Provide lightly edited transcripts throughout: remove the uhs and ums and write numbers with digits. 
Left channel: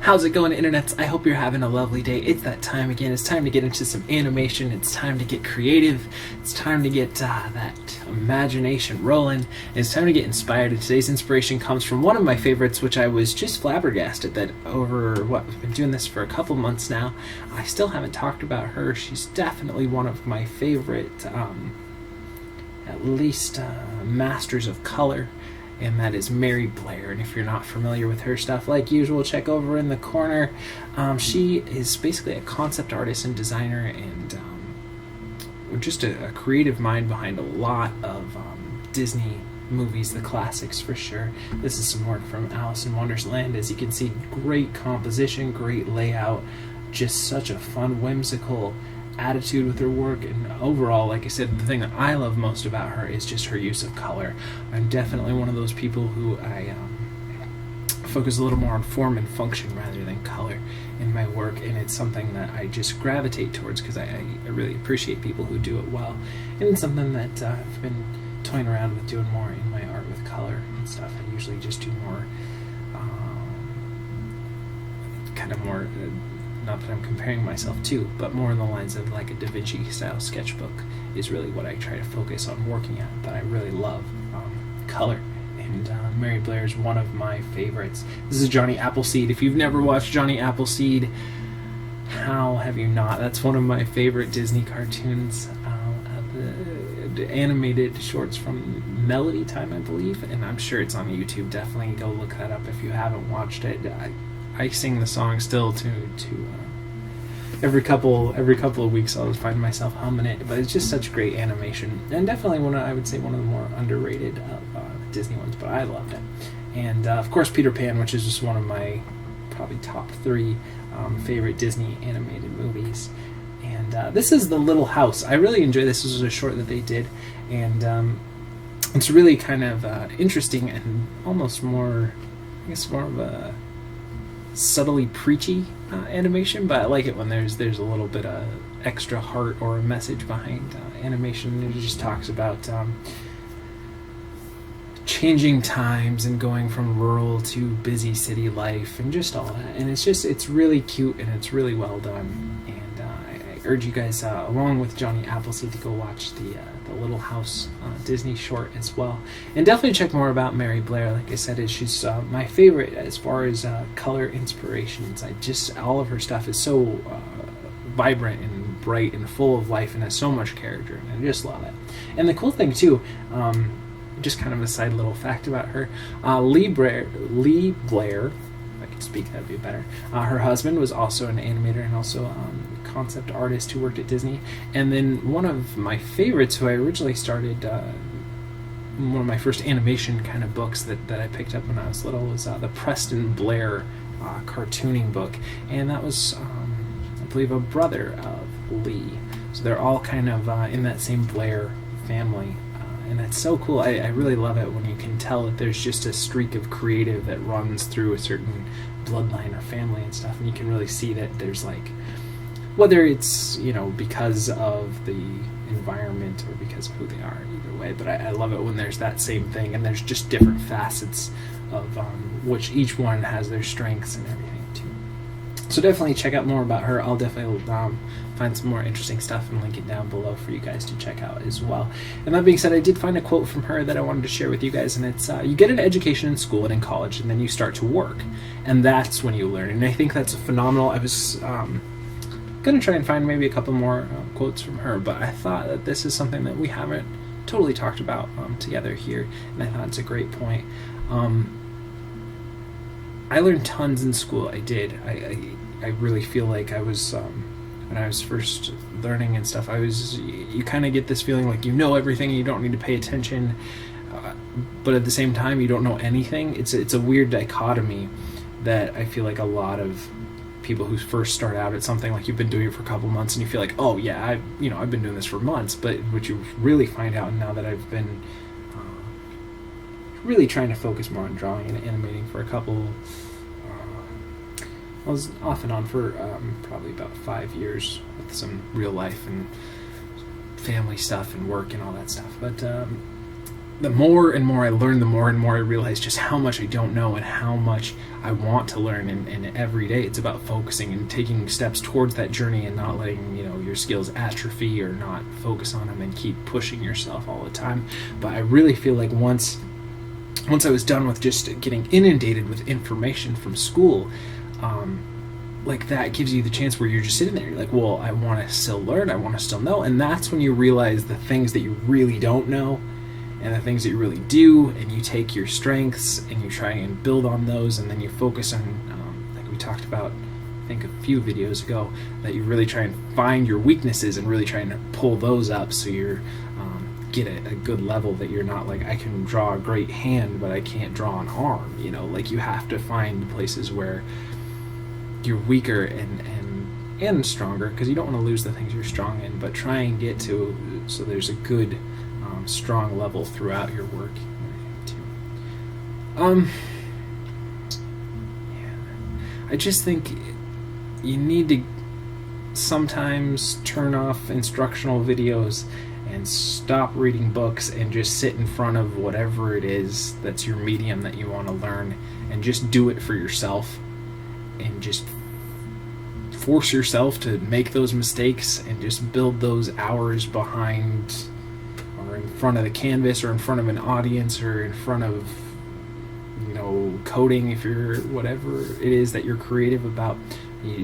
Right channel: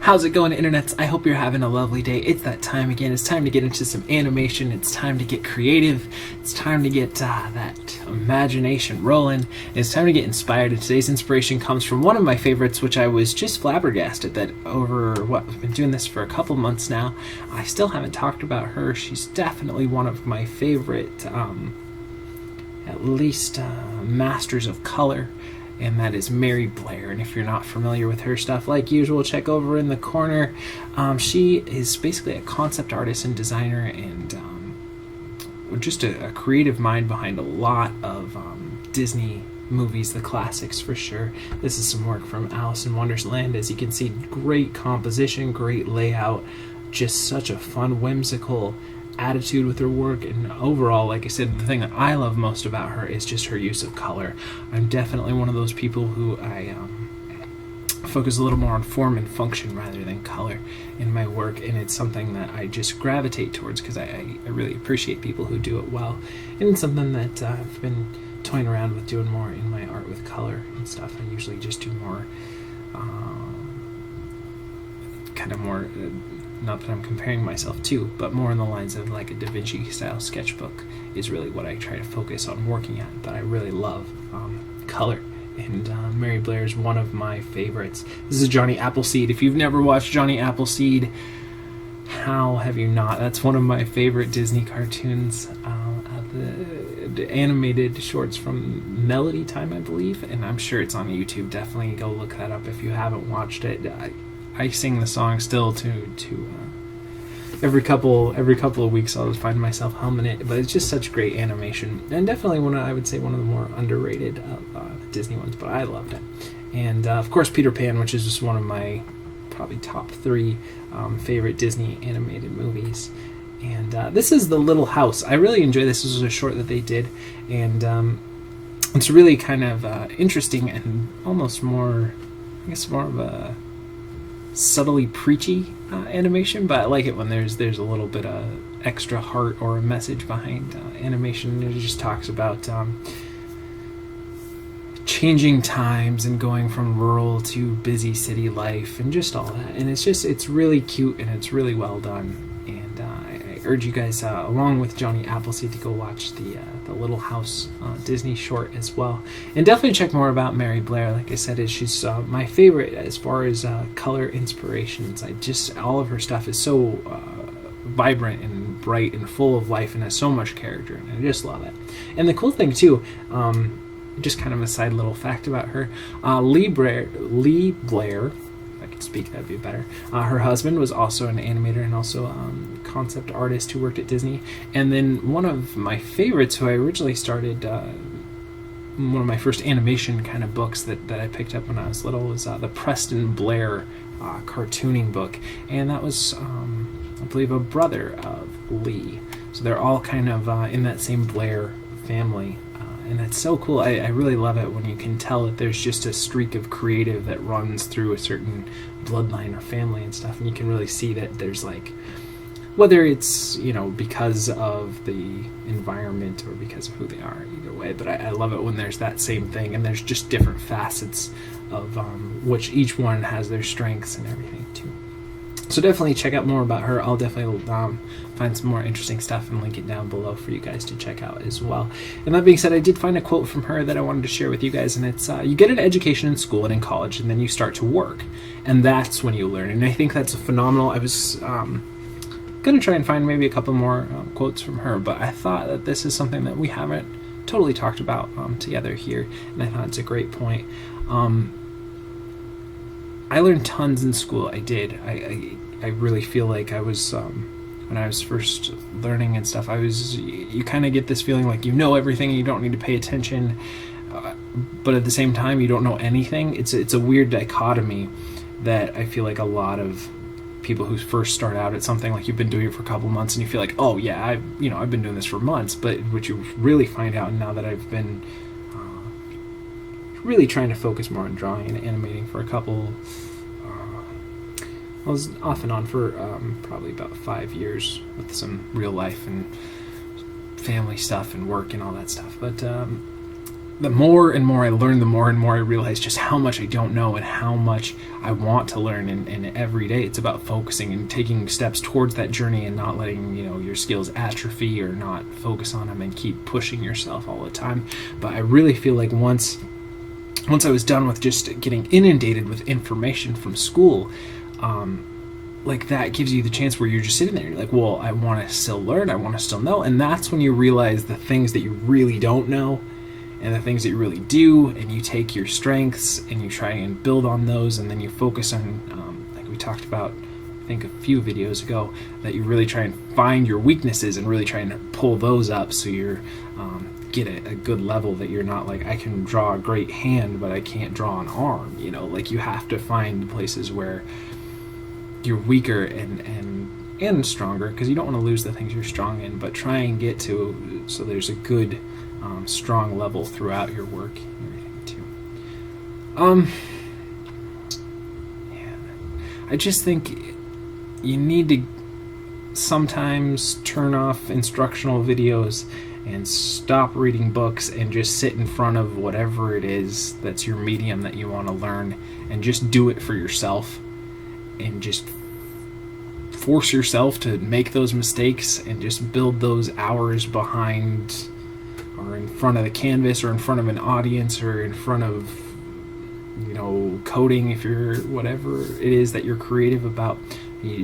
How's it going, internets? I hope you're having a lovely day. It's that time again. It's time to get into some animation. It's time to get creative. It's time to get that imagination rolling. It's time to get inspired. And today's inspiration comes from one of my favorites, which I was just flabbergasted that I've been doing this for a couple months now. I still haven't talked about her. She's definitely one of my favorite, at least masters of color. And that is Blair. And if you're not familiar with her stuff, like usual, check over in the corner. She is basically a concept artist and designer, and just a creative mind behind a lot of Disney movies, the classics for sure. This is some work from Alice in Wonderland. As you can see, great composition, great layout, just such a fun, whimsical attitude with her work. And overall, like I said, the thing that I love most about her is just her use of color. I'm definitely one of those people who I focus a little more on form and function rather than color in my work, and it's something that I just gravitate towards because I really appreciate people who do it well. And it's something that I've been toying around with doing more in my art with color and stuff. I usually just do more not that I'm comparing myself to, but more in the lines of like a Da Vinci style sketchbook is really what I try to focus on working at. But I really love color, and Blair is one of my favorites. This is Johnny Appleseed. If you've never watched Johnny Appleseed, how have you not? That's one of my favorite Disney cartoons, the animated shorts from Melody Time, I believe, and I'm sure it's on YouTube. Definitely go look that up if you haven't watched it. I sing the song still to every couple of weeks. I'll find myself humming it, but it's just such great animation, and definitely I would say one of the more underrated Disney ones. But I loved it, and of course Peter Pan, which is just one of my probably top 3 favorite Disney animated movies. And this is The Little House. I really enjoy this. This was a short that they did, and it's really kind of interesting and almost more of a subtly preachy animation, but I like it when there's a little bit of extra heart or a message behind animation. It just talks about changing times and going from rural to busy city life and just all that, and it's really cute and it's really well done. And I urge you guys, along with Johnny Appleseed, to go watch the Little House Disney short as well, and definitely check more about Blair. Like I said, she's my favorite as far as color inspirations. All of her stuff is so vibrant and bright and full of life and has so much character, and I just love it. And the cool thing too, just kind of a side little fact about her, Lee Blair, if I could speak that'd be better, her husband was also an animator and also a concept artist who worked at Disney. And then one of my favorites, who I originally started, one of my first animation kind of books that I picked up when I was little, was the Preston Blair cartooning book, and that was I believe a brother of Lee, so they're all kind of in that same Blair family. And that's so cool. I really love it when you can tell that there's just a streak of creative that runs through a certain bloodline or family and stuff, and you can really see that there's like, whether it's because of the environment or because of who they are, either way. But I love it when there's that same thing, and there's just different facets of which each one has their strengths and everything too. So definitely check out more about her. I'll definitely find some more interesting stuff and link it down below for you guys to check out as well. And that being said, I did find a quote from her that I wanted to share with you guys, and it's, you get an education in school and in college, and then you start to work, and that's when you learn. And I think that's phenomenal. I was going to try and find maybe a couple more quotes from her, but I thought that this is something that we haven't totally talked about together here, and I thought it's a great point. I learned tons in school. I did. I really feel like I was, when I was first learning and stuff, you kind of get this feeling like you know everything and you don't need to pay attention, but at the same time you don't know anything. It's a weird dichotomy that I feel like a lot of people who first start out at something, like you've been doing it for a couple months and you feel like, oh yeah, I've been doing this for months, but what you really find out now that I've been really trying to focus more on drawing and animating for a couple, I was off and on for probably about 5 years with some real life and family stuff and work and all that stuff, but the more and more I learn, the more and more I realize just how much I don't know and how much I want to learn. And every day it's about focusing and taking steps towards that journey and not letting, your skills atrophy or not focus on them and keep pushing yourself all the time. But I really feel like once I was done with just getting inundated with information from school, like that gives you the chance where you're just sitting there. You're like, well, I want to still learn. I want to still know. And that's when you realize the things that you really don't know and the things that you really do, and you take your strengths and you try and build on those, and then you focus on, like we talked about, I think a few videos ago, that you really try and find your weaknesses and really try and pull those up so you're get a good level, that you're not like, I can draw a great hand but I can't draw an arm. Like you have to find places where you're weaker and stronger, because you don't want to lose the things you're strong in, but try and get to so there's a good strong level throughout your work and everything too. I just think you need to sometimes turn off instructional videos and stop reading books and just sit in front of whatever it is that's your medium that you want to learn, and just do it for yourself, and just force yourself to make those mistakes and just build those hours behind or in front of the canvas or in front of an audience or in front of coding, if you're whatever it is that you're creative about.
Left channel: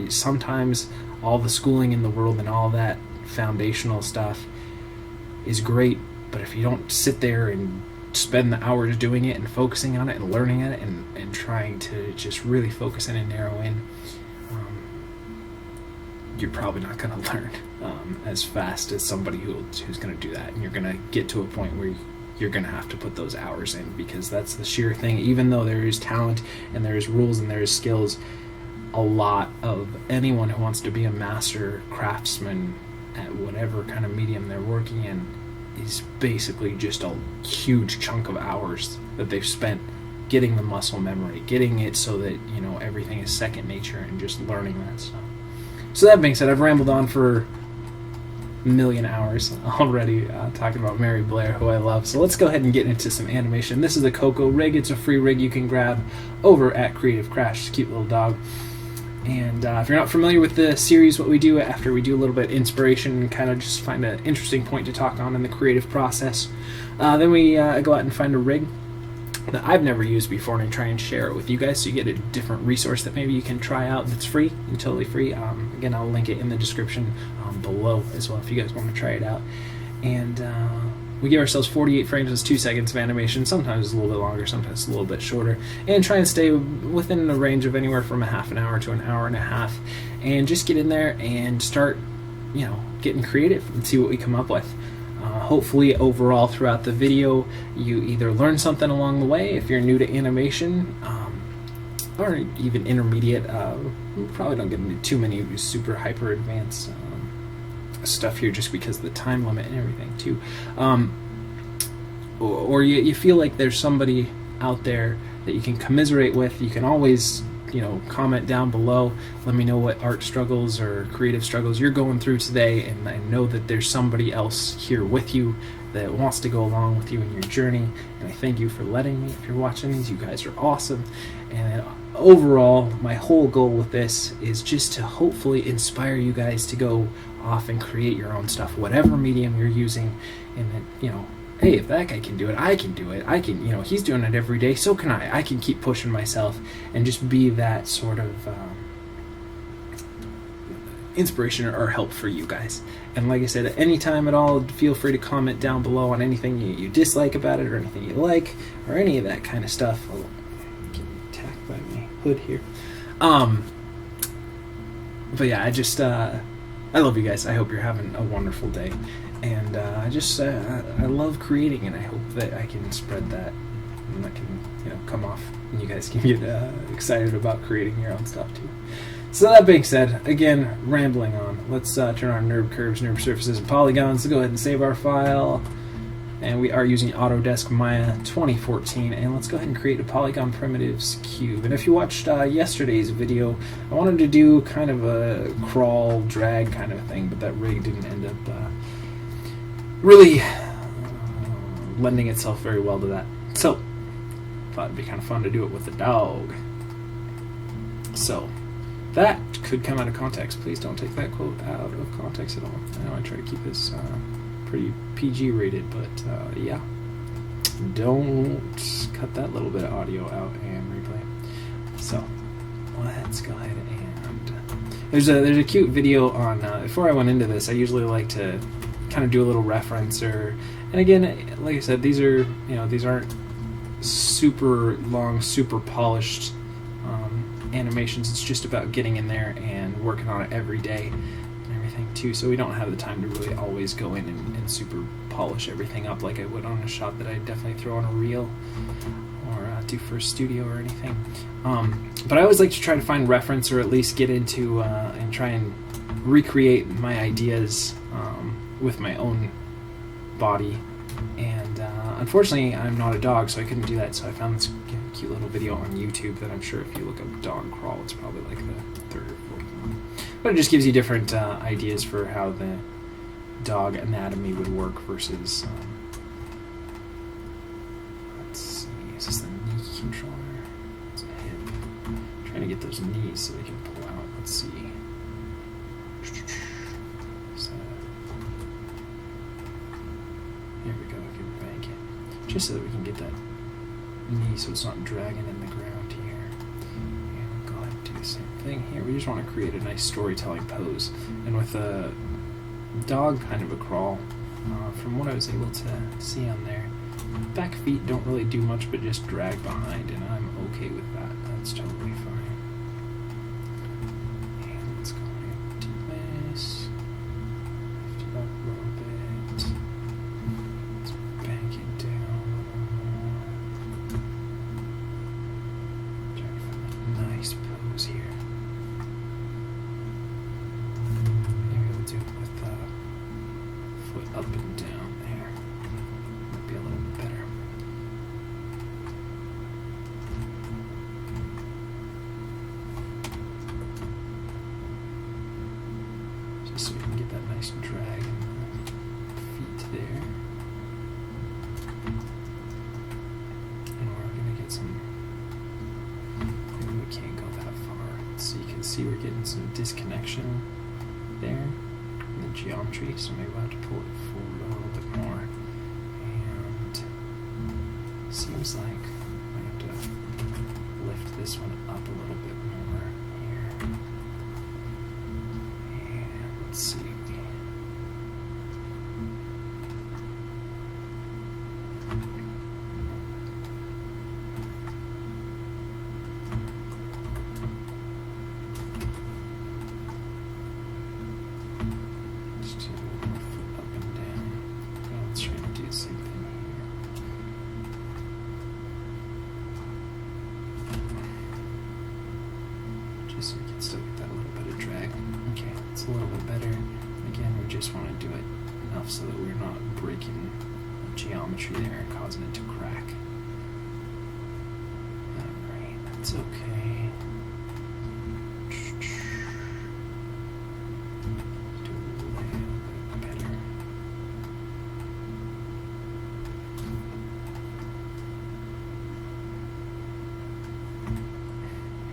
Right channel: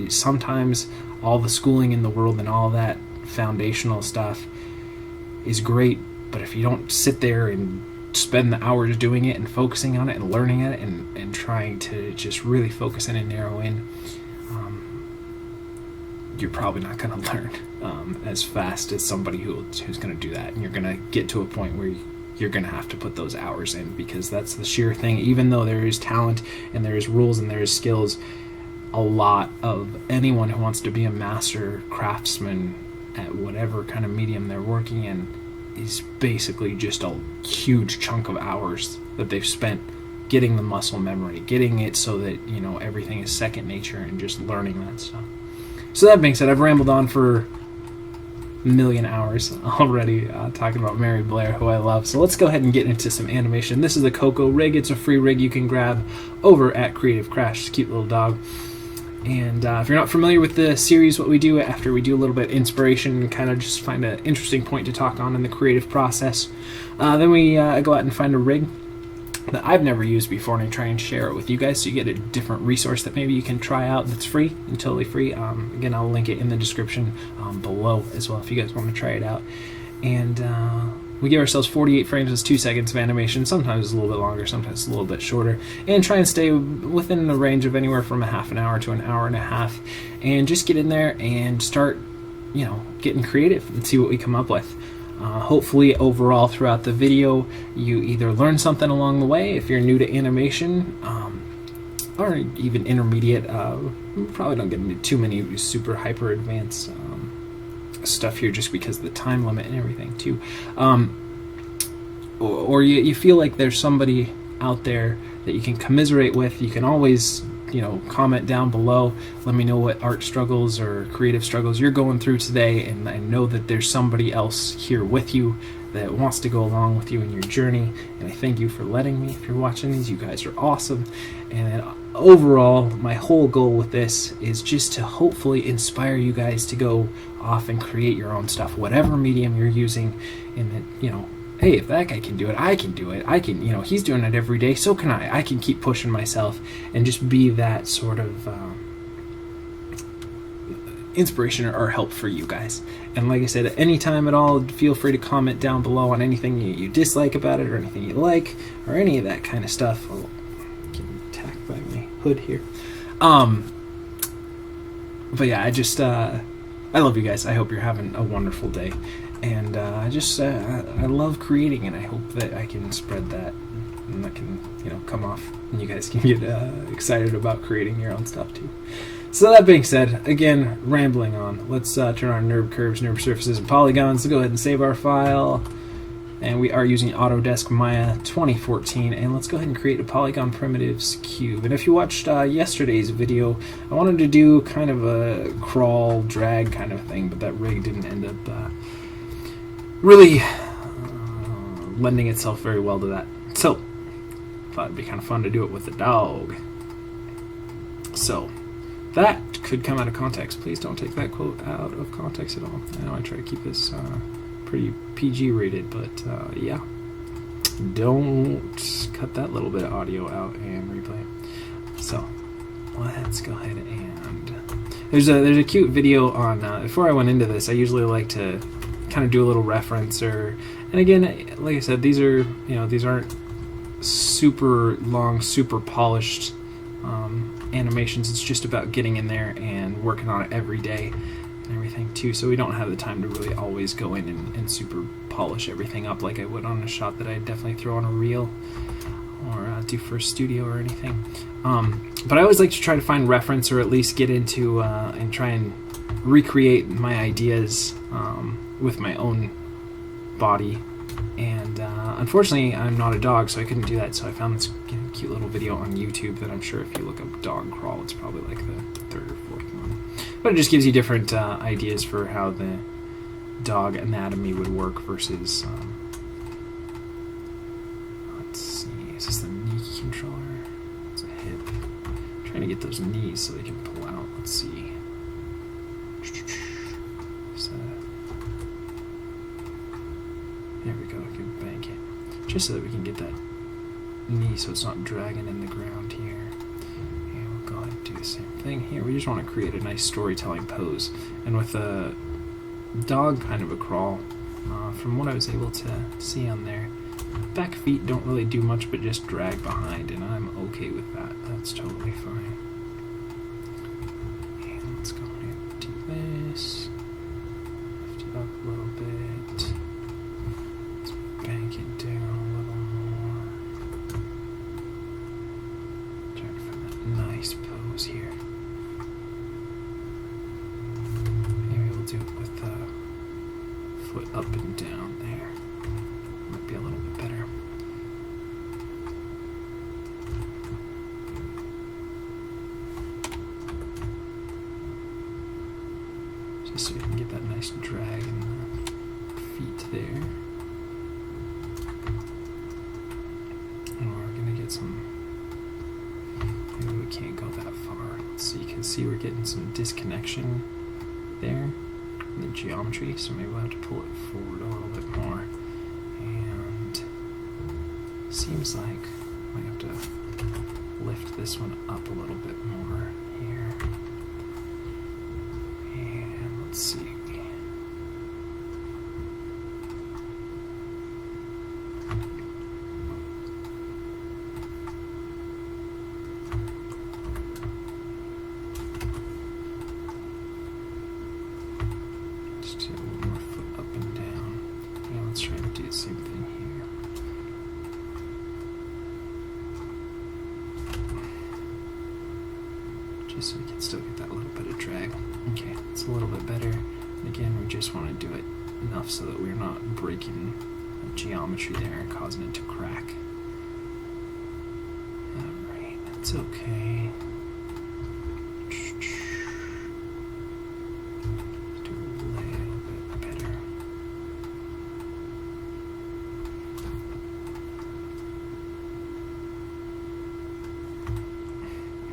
Sometimes all the schooling in the world and all that foundational stuff is great, but if you don't sit there and spend the hours doing it and focusing on it and learning it and trying to just really focus in and narrow in, you're probably not going to learn as fast as somebody who's going to do that. And you're going to get to a point where you're going to have to put those hours in, because that's the sheer thing. Even though there is talent and there is rules and there is skills, a lot of anyone who wants to be a master craftsman at whatever kind of medium they're working in is basically just a huge chunk of hours that they've spent getting the muscle memory, getting it so that everything is second nature, and just learning that stuff. So that being said, I've rambled on for a million hours already talking about Mary Blair, who I love. So let's go ahead and get into some animation. This is the Koko rig. It's a free rig you can grab over at Creative Crash. It's a cute little dog. And if you're not familiar with the series, what we do after we do a little bit of inspiration and kind of just find an interesting point to talk on in the creative process, then we go out and find a rig that I've never used before, and I try and share it with you guys so you get a different resource that maybe you can try out that's free and totally free. Again, I'll link it in the description below as well if you guys want to try it out. And we give ourselves 48 frames as 2 seconds of animation. Sometimes it's a little bit longer, sometimes it's a little bit shorter, and try and stay within the range of anywhere from a half an hour to an hour and a half, and just get in there and start getting creative and see what we come up with. Hopefully overall throughout the video you either learn something along the way if you're new to animation, or even intermediate. Probably don't get into too many super hyper advanced stuff here just because of the time limit and everything too. Or you feel like there's somebody out there that you can commiserate with. You can always comment down below. Let me know what art struggles or creative struggles you're going through today, and I know that there's somebody else here with you that wants to go along with you in your journey. And I thank you for letting me. If you're watching these, you guys are awesome. And overall, my whole goal with this is just to hopefully inspire you guys to go off and create your own stuff, whatever medium you're using, and that hey, if that guy can do it, I can do it. I can, he's doing it every day, so can I. I can keep pushing myself and just be that sort of inspiration or help for you guys. And like I said, at any time at all, feel free to comment down below on anything you dislike about it or anything you like or any of that kind of stuff. Oh, I'm getting attacked by my hood here. But yeah, I love you guys. I hope you're having a wonderful day. And I love creating, and I hope that I can spread that, and that can come off, and you guys can get excited about creating your own stuff too. So that being said, again, rambling on, let's turn on NURB curves, NURB surfaces, and polygons. So go ahead and save our file, and we are using Autodesk Maya 2014, and let's go ahead and create a polygon primitives cube. And if you watched yesterday's video, I wanted to do kind of a crawl drag kind of thing, but that rig didn't end up really lending itself very well to that. So, thought it'd be kind of fun to do it with the dog. So, that could come out of context. Please don't take that quote out of context at all. I know I try to keep this pretty PG rated, but yeah. Don't cut that little bit of audio out and replay it. So, let's go ahead and... There's a cute video on... before I went into this, I usually like to kind of do a little reference, and again, like I said, these aren't super long, super polished animations. It's just about getting in there and working on it every day and everything too, so we don't have the time to really always go in and super polish everything up like I would on a shot that I'd definitely throw on a reel or do for a studio or anything. But I always like to try to find reference, or at least get into and try and recreate my ideas with my own body. And unfortunately, I'm not a dog, so I couldn't do that. So I found this cute little video on YouTube that I'm sure if you look up dog crawl, it's probably like the third or fourth one. But it just gives you different ideas for how the dog anatomy would work versus... let's see, is this the knee controller? It's a hip. I'm trying to get those knees so they can pull out. Let's see. There we go, I can bank it. Just so that we can get that knee so it's not dragging in the ground here. And we'll go ahead and do the same thing here. We just want to create a nice storytelling pose. And with a dog kind of a crawl, from what I was able to see on there, back feet don't really do much but just drag behind, and I'm okay with that. That's totally fine. And let's go ahead and do this. Lift it up a little bit. Bank it down a little more. Try to find a nice pose here. Maybe we'll do it with the foot up and down there. Might be a little bit better. Just so you can get that nice drag in the feet there. Maybe we can't go that far. So you can see we're getting some disconnection there in the geometry, so maybe we'll have to pull it forward a little bit more. And seems like I have to lift this one up a little bit more here. And let's see. So we can still get that little bit of drag. Okay, it's a little bit better. And again, we just want to do it enough so that we're not breaking the geometry there and causing it to crack. Alright, that's okay. Let's do a little bit better.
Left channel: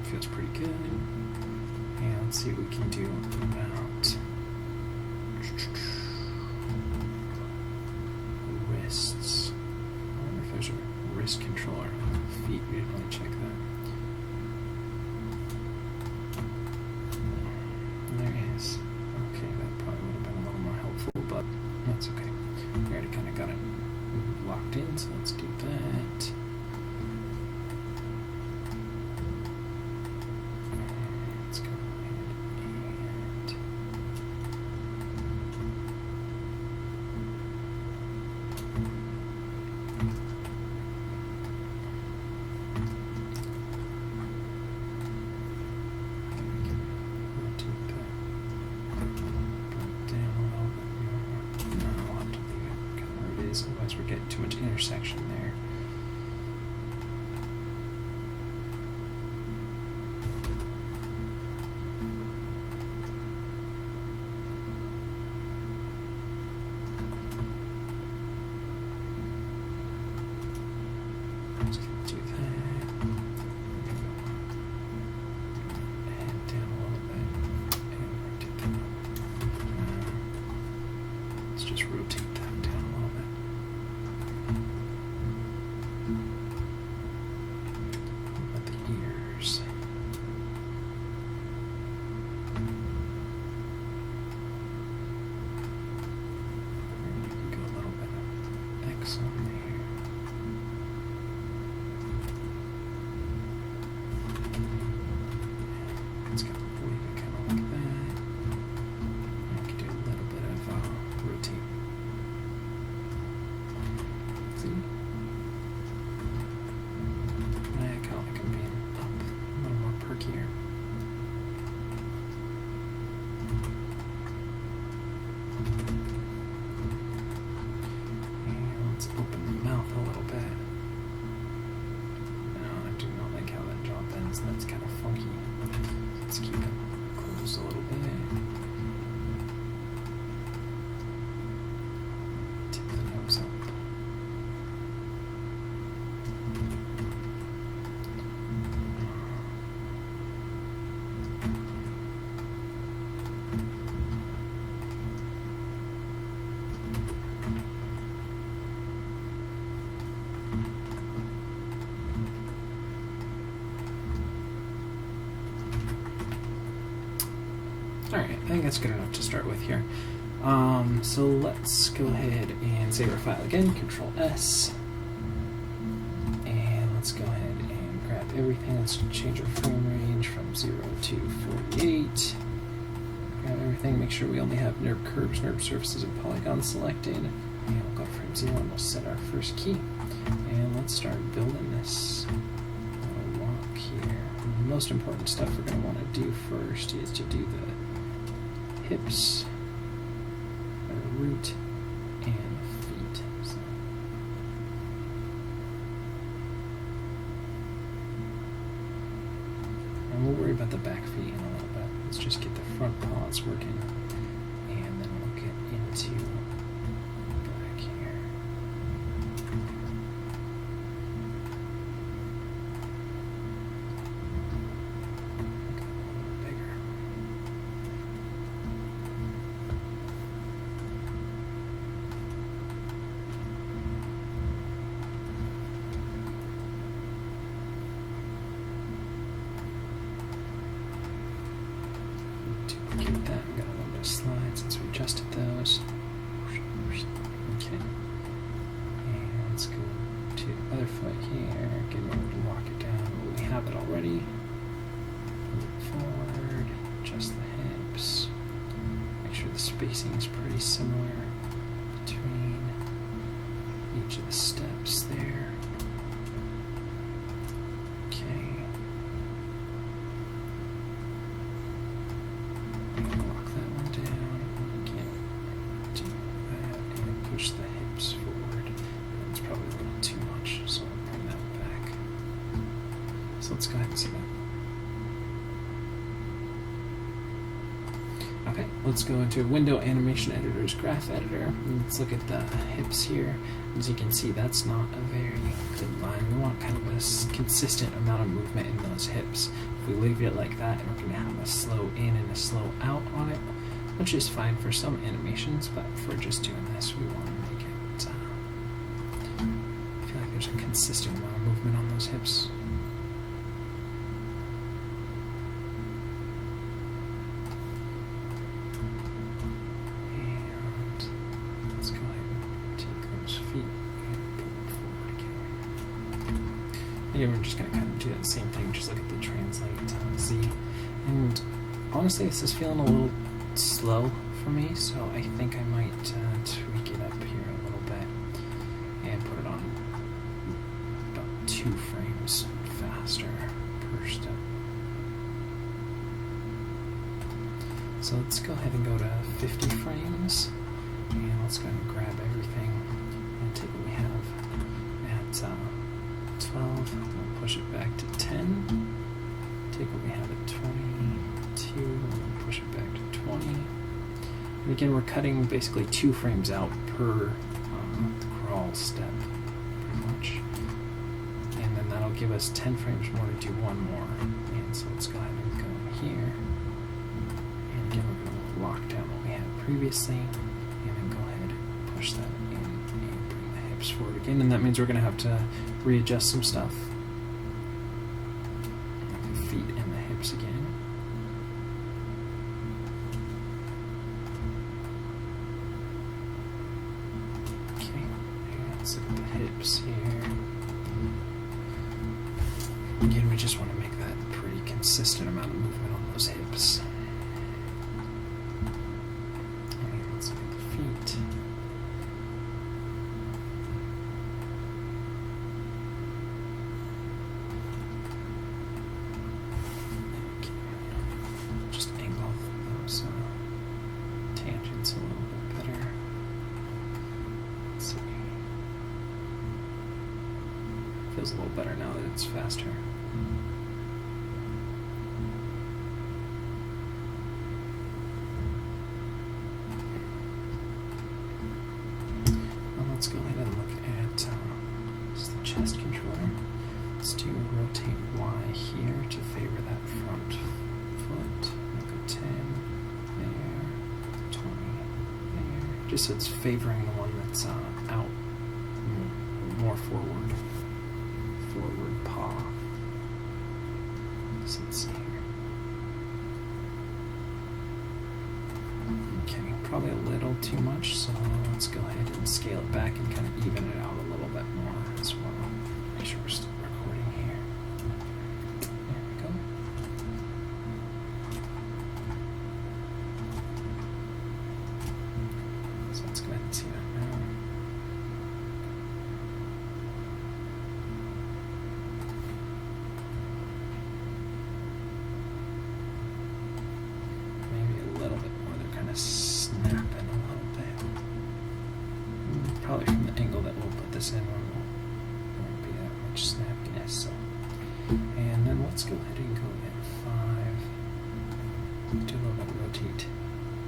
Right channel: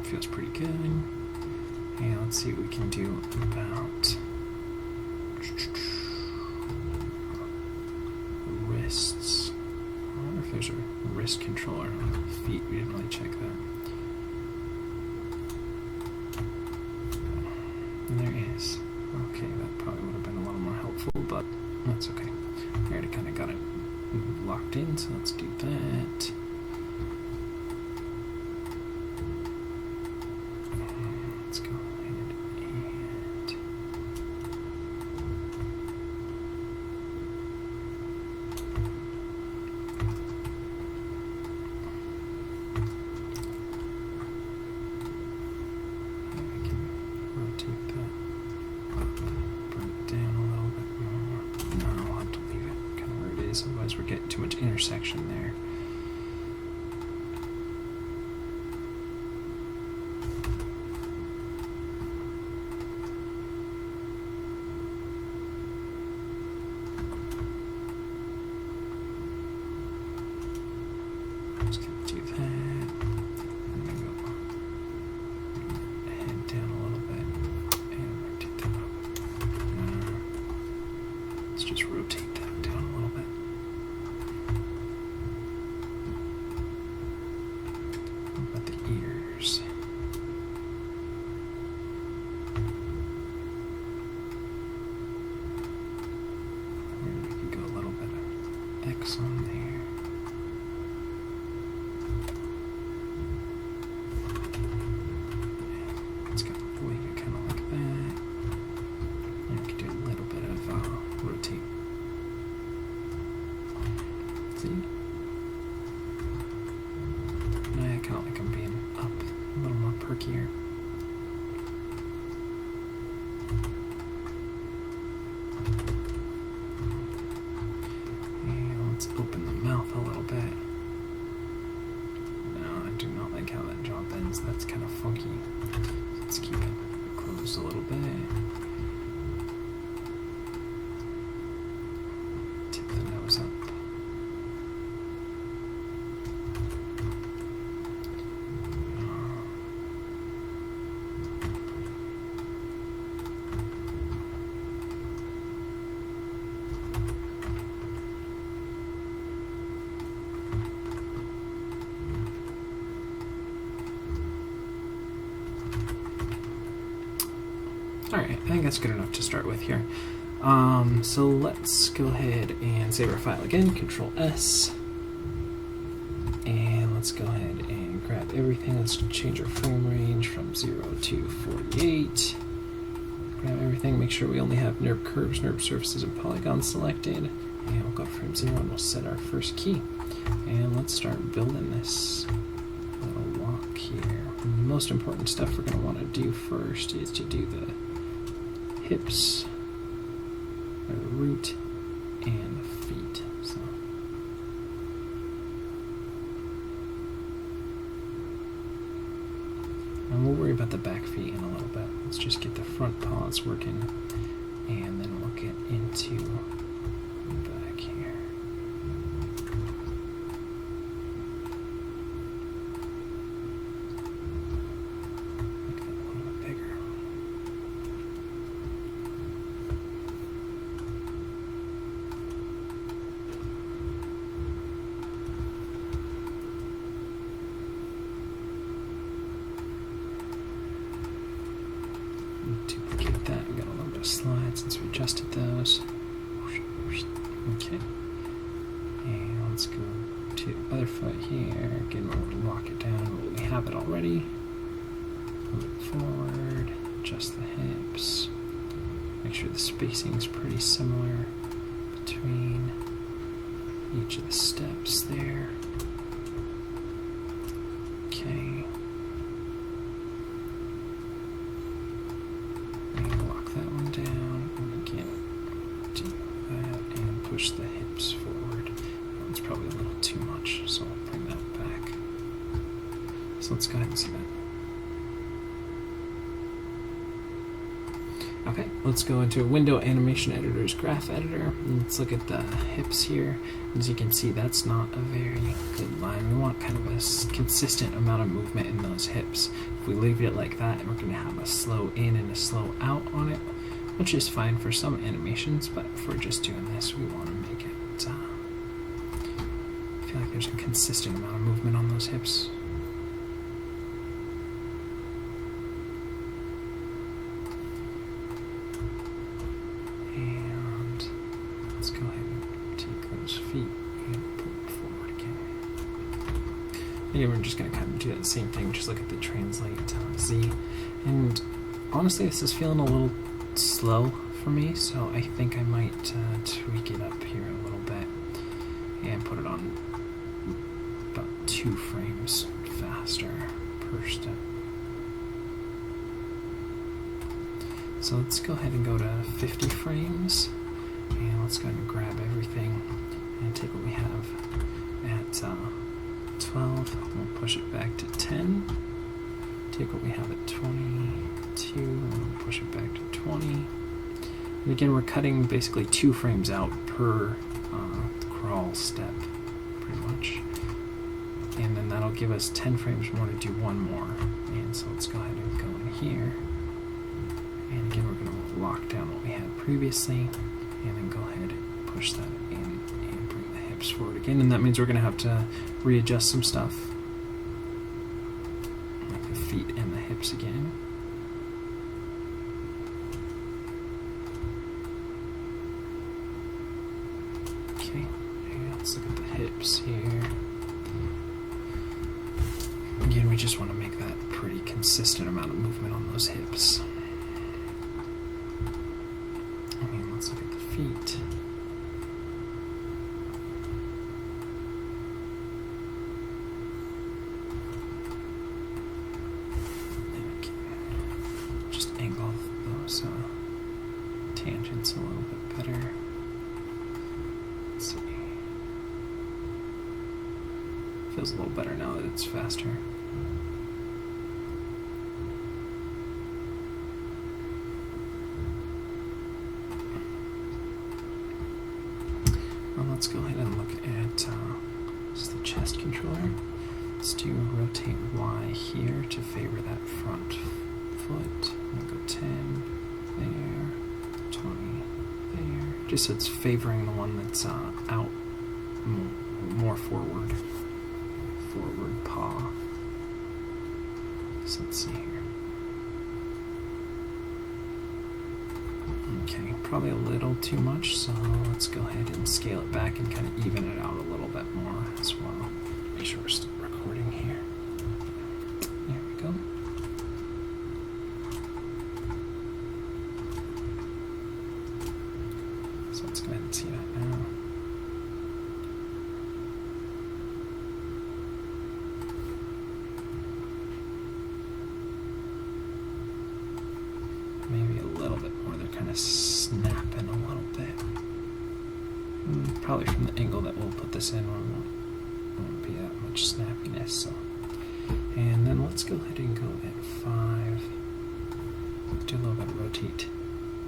Feels pretty good. And let's see what we can do about wrists. I wonder if there's a wrist controller on the feet. We didn't really check that. And there is. Okay, that probably would have been a little more helpful, but that's okay. We already kind of got it locked in, so let's do that. Otherwise we're getting too much intersection there. back here. And let's open the mouth a little bit. No, I do not like how that jaw bends. That's kind of funky. Let's keep it closed a little bit. Tip the nose up. Alright, I think that's good enough to start with here. So let's go ahead and save our file again, Control S. And let's go ahead and grab everything. Let's change our frame range from 0 to 48. Grab everything, make sure we only have NURB curves, NURB surfaces, and polygons selected. And we'll go to frame 0 and we'll set our first key. And let's start building this little walk here. The most important stuff we're going to want to do first is to do the hips, the root, and the feet. So. And we'll worry about the back feet in a little bit. Let's just get the front paws working, and then we'll get into back here. Make that a little bit bigger. Duplicate that. We got a little bit of slide since we adjusted those. Okay. And let's go to the other foot here. Again, we're going to lock it down. We have it already. Move it forward. Adjust the hips. Make sure the spacing is pretty similar between each of the steps there. Okay. That one down, and again, do that, and push the hips forward. That's probably a little too much, so I'll bring that back. So let's go ahead and see that. Okay, let's go into Window Animation Editor's Graph Editor, and let's look at the hips here. As you can see, that's not a very good line. We want kind of a consistent amount of movement in those hips. If we leave it like that, we're going to have a slow in and a slow out on it, which is fine for some animations, but for just doing this, we want to make it, I feel like there's a consistent amount of movement on those hips. And let's go ahead and take those feet and pull it forward again. Yeah, we're just going to kind of do that same thing, just look at the translate Z. And honestly, this is feeling a little slow for me, so I think I might tweak it up here a little bit and put it on about 2 frames faster per step. So let's go ahead and go to 50 frames, and let's go ahead and grab everything and take what we have at 12, we'll push it back to 10, take what we have at 22, and we'll push it back to 20. And again, we're cutting basically 2 frames out per crawl step, pretty much. And then that'll give us 10 frames more to do one more. And so let's go ahead and go in here. And again, we're going to lock down what we had previously, and then go ahead and push that in and bring the hips forward again. And that means we're going to have to readjust some stuff, like the feet and the hips again. Okay, let's look at the hips here. Again, we just want to make that a pretty consistent amount of movement on those hips. And let's look at the feet. feels a little better now that it's faster. Well, let's go ahead and look at just the chest controller. Let's do rotate Y here to favor that front foot. I'll go 10 there, 20 there. Just so it's favoring the one that's out more forward paw. So let's see here. Okay, probably a little too much, so let's go ahead and scale it back and kind of even it out a little bit more as well. Make sure we're still recording here. There we go. So let's go ahead and see that now. Maybe a little bit more. They're kind of snapping a little bit. Probably from the angle that we'll put this in, won't be that much snappiness. So, and then let's go ahead and go at 5. Do a little bit of rotate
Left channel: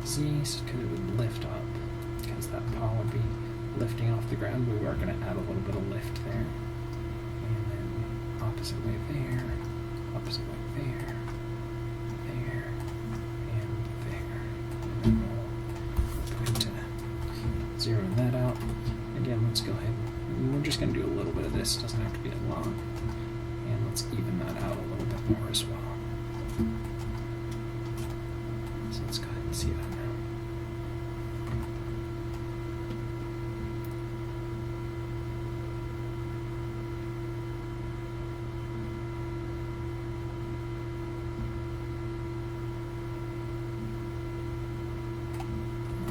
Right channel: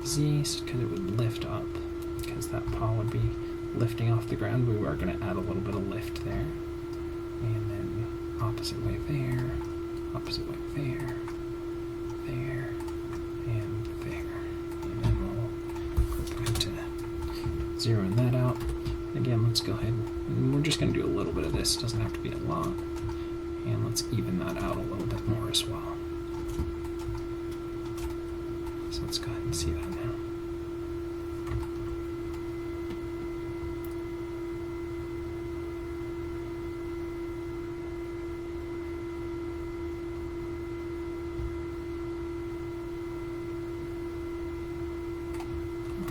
Z, because it would lift up, because that paw would be lifting off the ground. We are going to add a little bit of lift there, and then opposite way there, opposite way there, there. Zeroing that out. Again, let's go ahead and we're just going to do a little bit of this. It doesn't have to be a lot. And let's even that out a little bit more as well. So let's go ahead and see that now.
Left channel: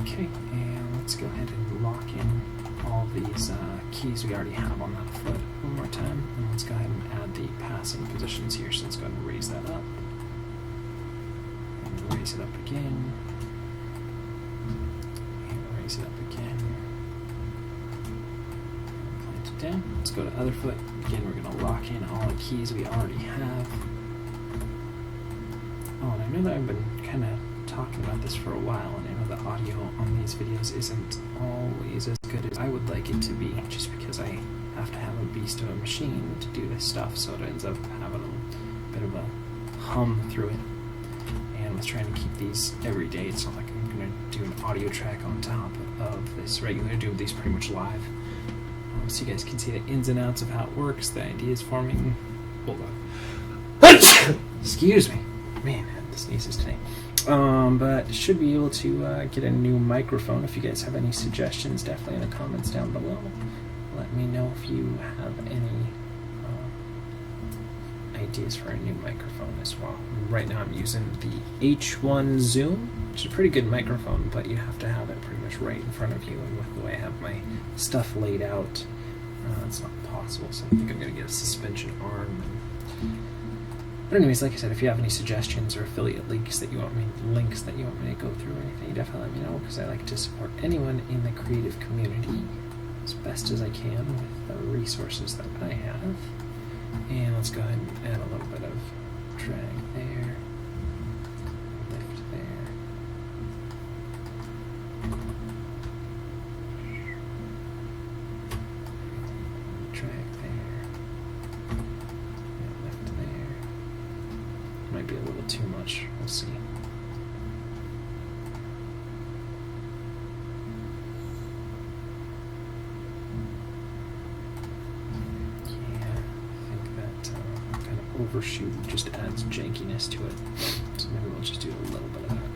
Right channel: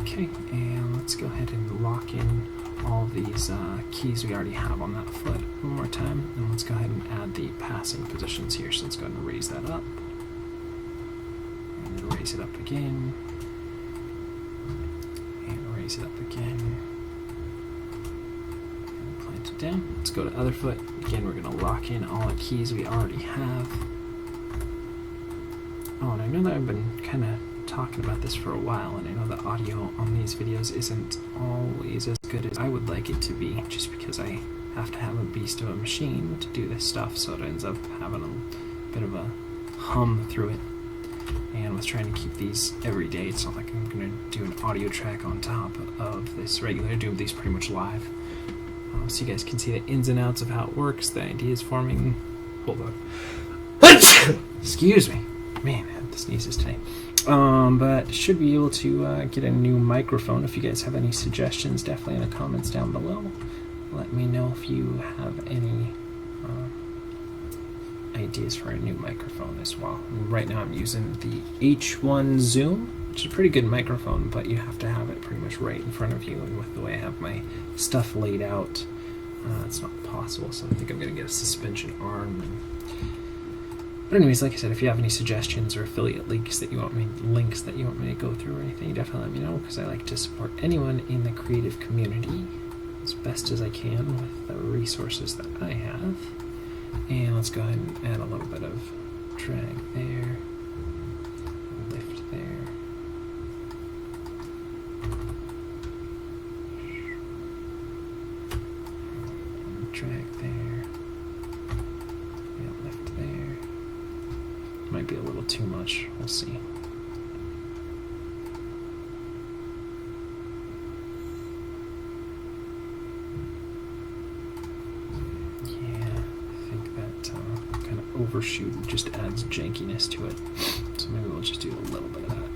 Okay, and let's go ahead and lock in all these keys we already have on that foot one more time, and let's go ahead and add the passing positions here. So let's go ahead and raise that up, and raise it up again, and raise it up again, and plant it down. Let's go to other foot. Again, we're going to lock in all the keys we already have. Oh, and I know that I've been kind of talking about this for a while, and I know the audio on these videos isn't always as good as I would like it to be, just because I have to have a beast of a machine to do this stuff, so it ends up having a bit of a hum through it. And I was trying to keep these every day. It's not like I'm going to do an audio track on top of this regular. I do these pretty much live, so you guys can see the ins and outs of how it works, the ideas forming. Hold on. Excuse me. Man, I had the sneezes today. But should be able to get a new microphone. If you guys have any suggestions, definitely in the comments down below. Let me know if you have any ideas for a new microphone as well. Right now I'm using the H1 Zoom, which is a pretty good microphone, but you have to have it pretty much right in front of you, and with the way I have my stuff laid out, it's not possible. So I think I'm going to get a suspension arm. But anyways, like I said, if you have any suggestions or affiliate links that you want me to go through or anything, definitely let me know, because I like to support anyone in the creative community as best as I can with the resources that I have. And let's go ahead and add a little bit of drag there, lift there. Drag there, and lift there. Might be a little too much, we'll see. Yeah, I think that kind of overshoot just adds jankiness to it, so maybe we'll just do a little bit of that.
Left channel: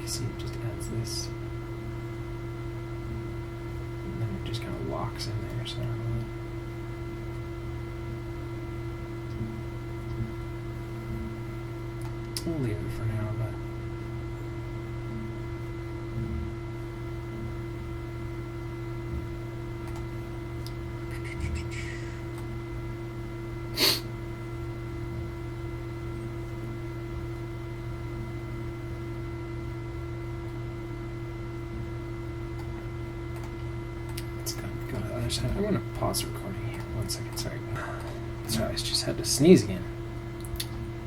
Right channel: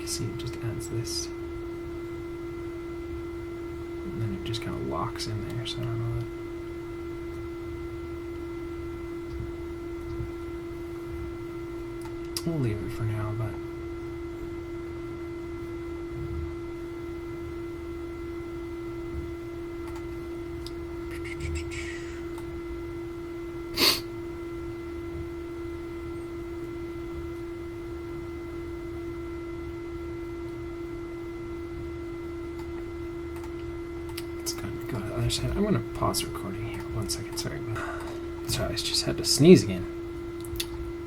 You see, it just adds this. And then it just kind of locks in there, so I don't know. We'll leave it for now, but other side. I'm going to pause recording here. 1 second. Sorry. Sorry, I just had to sneeze again.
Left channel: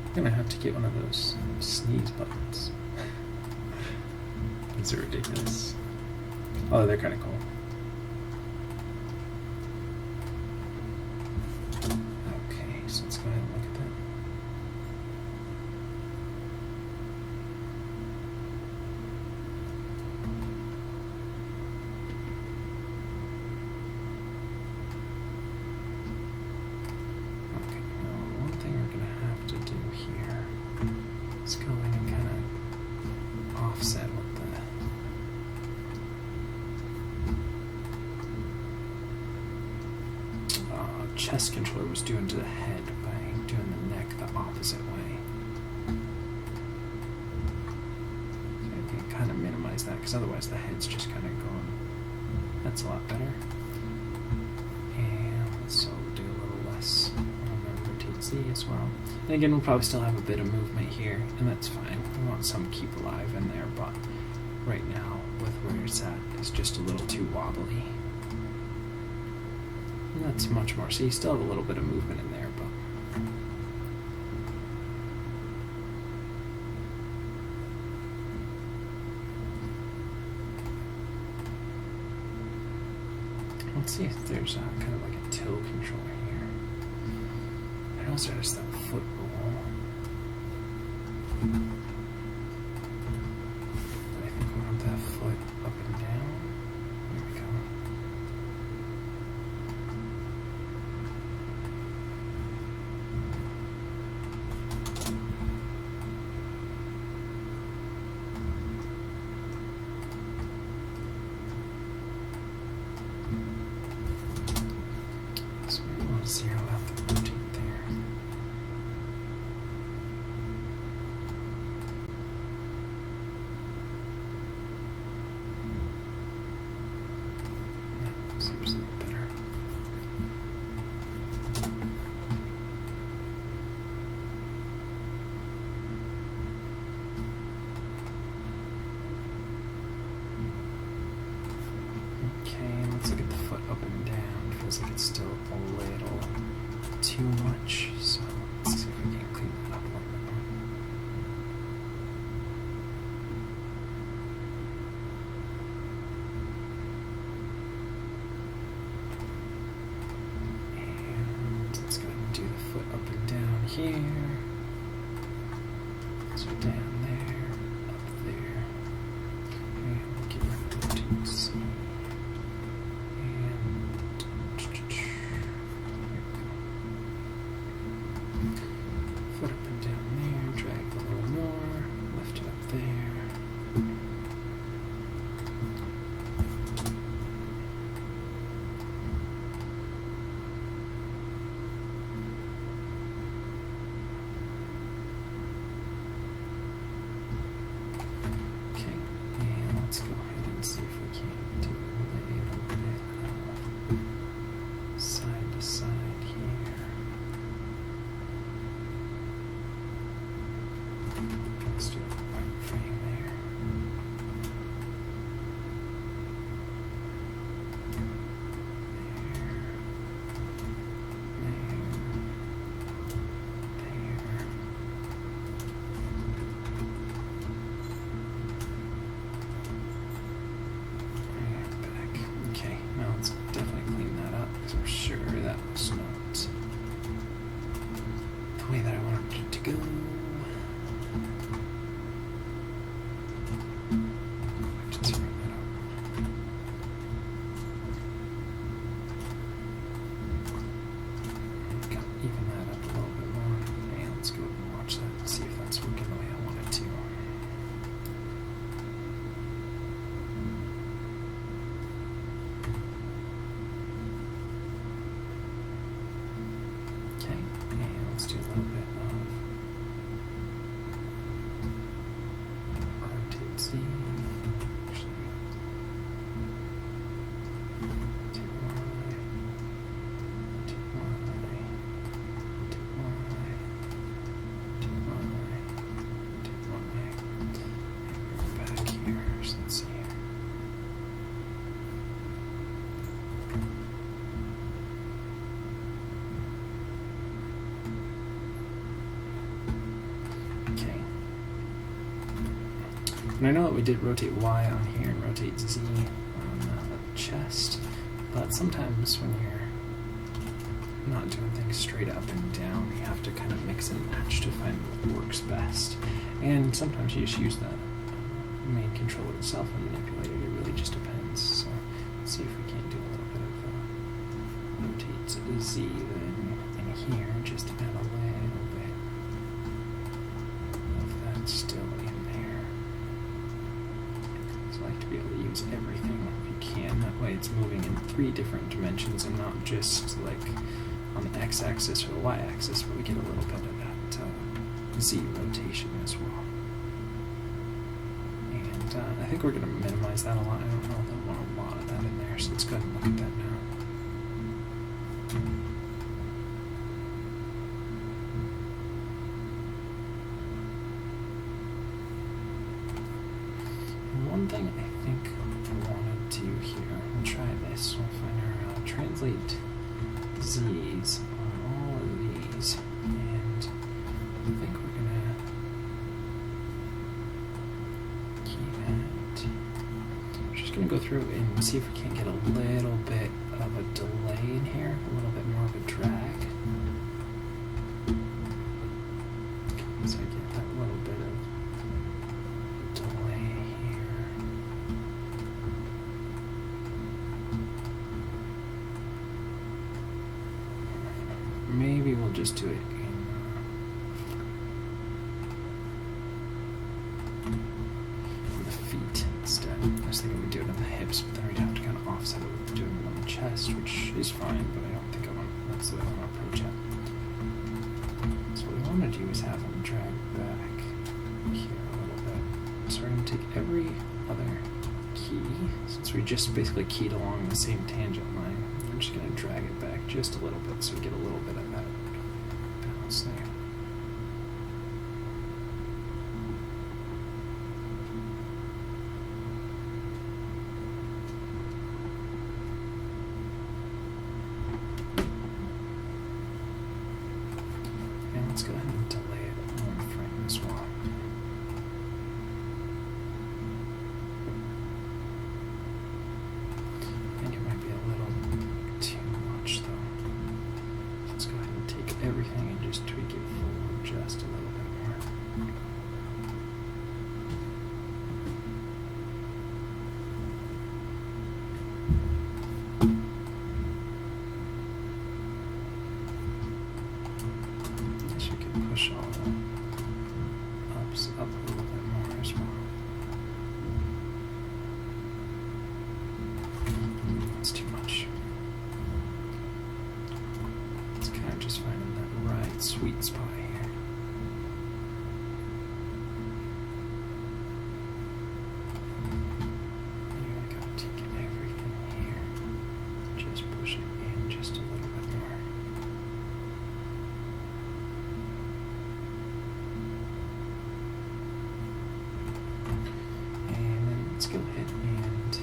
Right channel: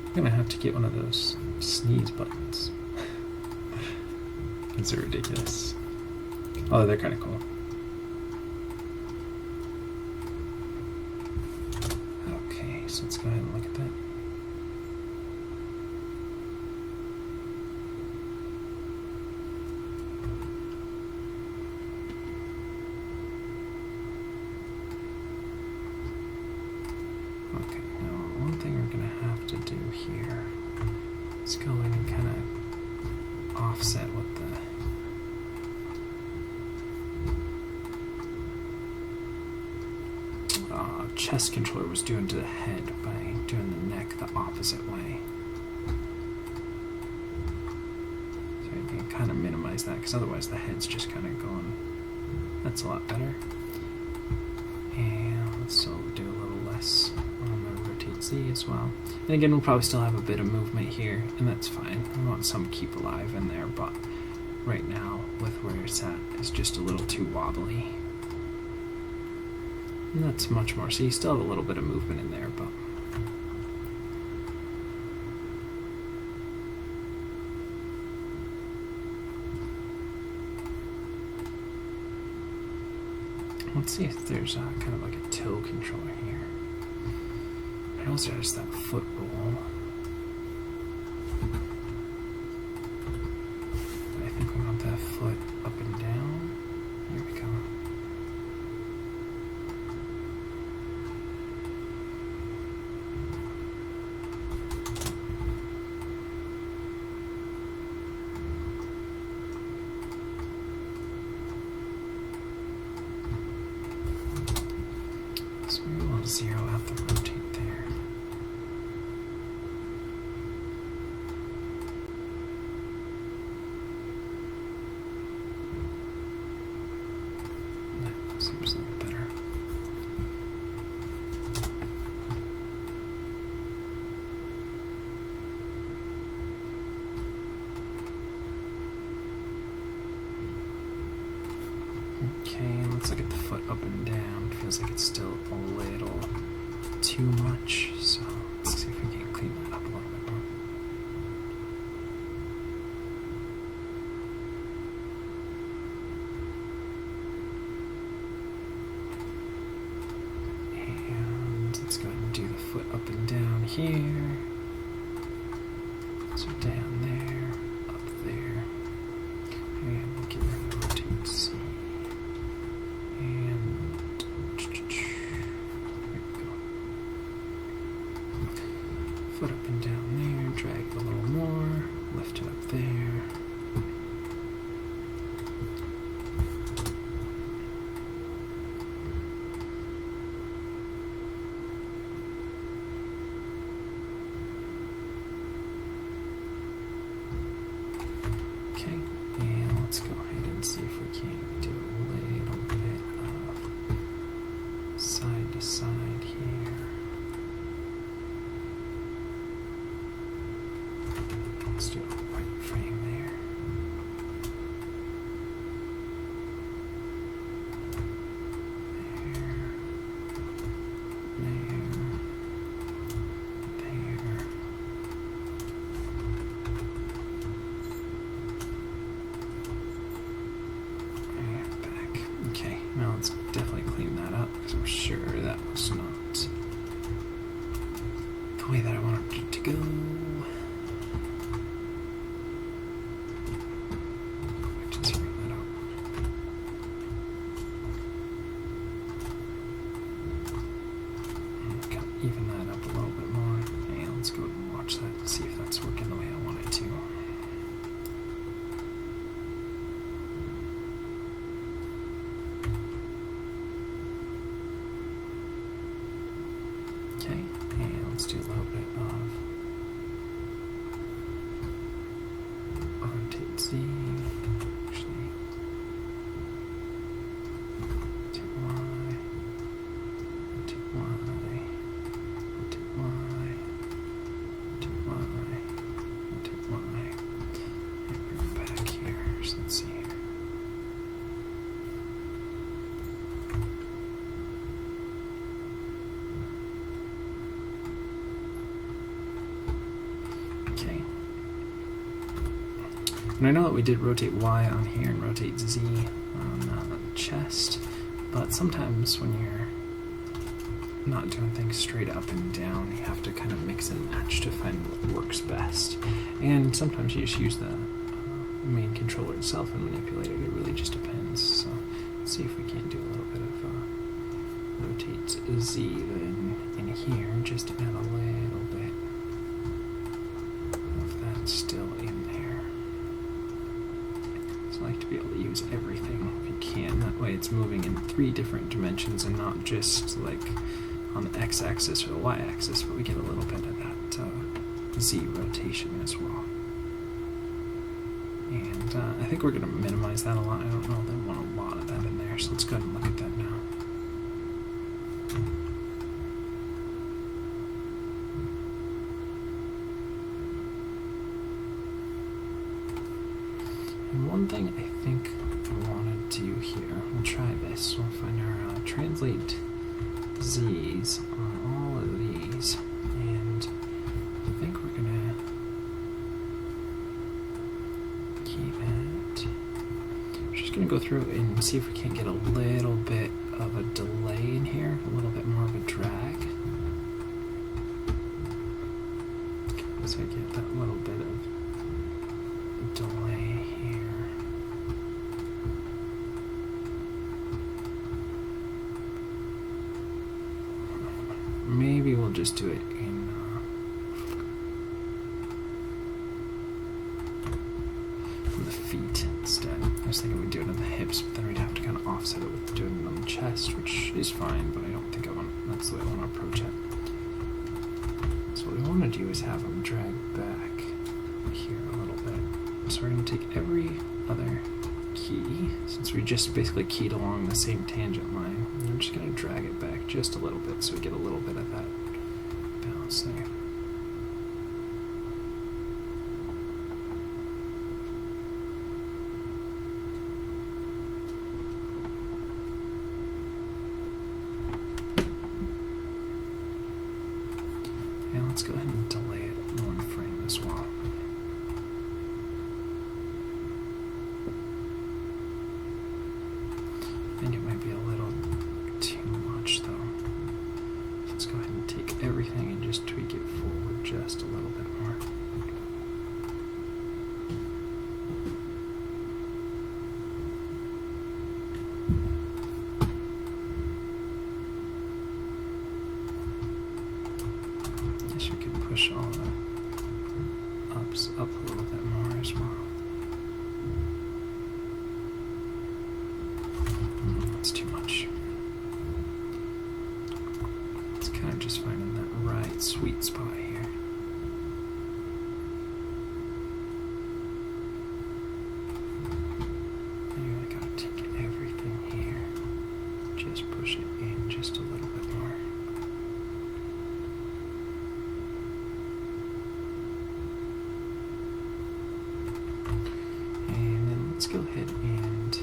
I'm going to have to get one of those sneeze buttons. These are ridiculous. Oh, they're kind of cool. Okay, so let's go ahead and look at that. Okay, now one thing we're going to have to do here is go in and kind of offset what the chest controller was doing to the head by doing the neck the opposite way. So I can kind of minimize that because otherwise the head's just kind of going. That's a lot better. And so we'll do a little less on the rotate Z as well. And again, we'll probably still have a bit of movement here, and that's fine. We want some keep alive in there, but right now, with where it's at, it's just a little too wobbly. And that's much more. So you still have a little bit of movement in there, but let's see if there's kind of like a toe controller here. I also there's that foot roll. But I think we want that foot up and down. There we go. Zero out the rotate there. That seems a little better. Okay, let's look at the foot up and down. Feels like it's still a little too much, so let's see if we can clean that up a little bit more. And let's go ahead and do the foot up and down here. So down there, up there, and we'll get rid of the rotate C. Foot up and down there, drag a little more, lift it up there. Okay, and let's go ahead and see if we can do a little bit of side to side here. Let's do a right frame there. There. And back. Okay, now let's definitely clean that up because I'm sure that was not the way that I wanted it to go. Even that up a little bit more. And let's go and watch that and see if that's working the way I want it to. Okay, and let's do a little bit of rotate Z. Actually, to Y, to Y. To Y, to Y, to Y, and we're back here, so let's see here. And I know that we did rotate Y on here and rotate Z on the chest, but sometimes when you're not doing things straight up and down, you have to kind of mix and match to find what works best. And sometimes you just use the main controller itself and manipulate it. It really just depends. So let's see if we can't do a little bit of rotate Z then in here, just to add a little bit of that still in there. So I like to be able to use everything if you can. That way it's moving in 3 different dimensions and not just like on the x-axis or the y-axis, but we get a little bit of that Z rotation as well. And I think we're going to minimize that a lot. I don't know that I want a lot of that in there, so let's go ahead and look at that now. And one thing I think I want to do here, we'll try this. We'll find our translate Z's on all of these, and I think we're gonna keep it. We're just gonna go through and see if we can't get a little bit of a delay in here, a little bit more of a drag. So I get that little bit of delay here. Maybe we'll just do it in the feet instead. I was thinking we'd do it on the hips, but then we'd have to kind of offset it with doing it on the chest, which is fine, but I don't think that's the way I want to approach it. So what we want to do is have them drag back here a little bit. So we're going to take every other key, since we just basically keyed along the same tangent line, and I'm just going to drag it back just a little bit so we get a little bit of that bounce there. And let's go ahead and delay it 1 frame as well. I think it might be a little too much though. Let's go ahead and take everything and just tweak it forward just a little bit more. I guess we could push all the ups up a little bit more as well. That's too much. It's kind of just finding that right sweet spot here. Maybe I gotta take everything here. Just push it in just a little bit more. And then let's go ahead and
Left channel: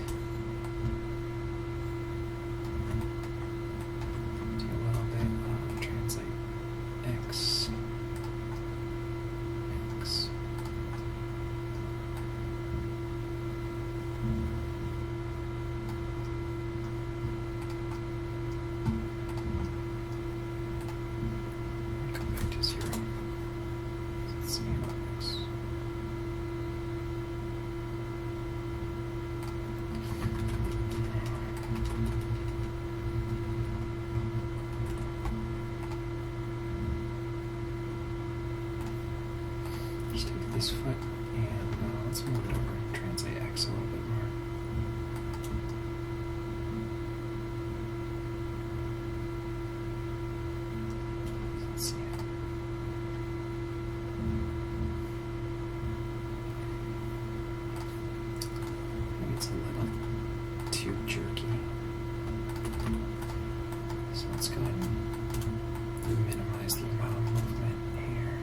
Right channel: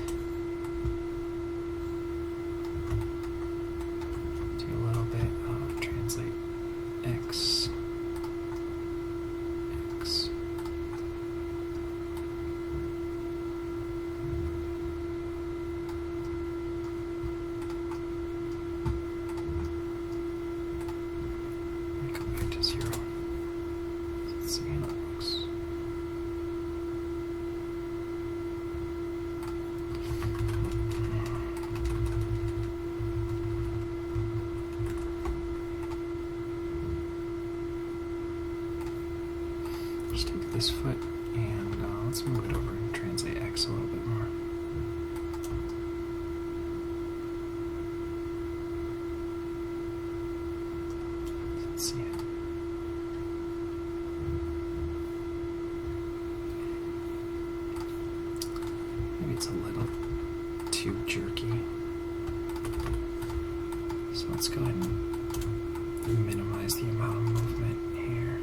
do a little bit of translate X. Go back to 0. Let's see how it looks. Just take this foot and let's move it over and translate X a little bit more. Let's see it. Maybe it's a little too jerky. So let's go ahead and minimize the amount of movement here.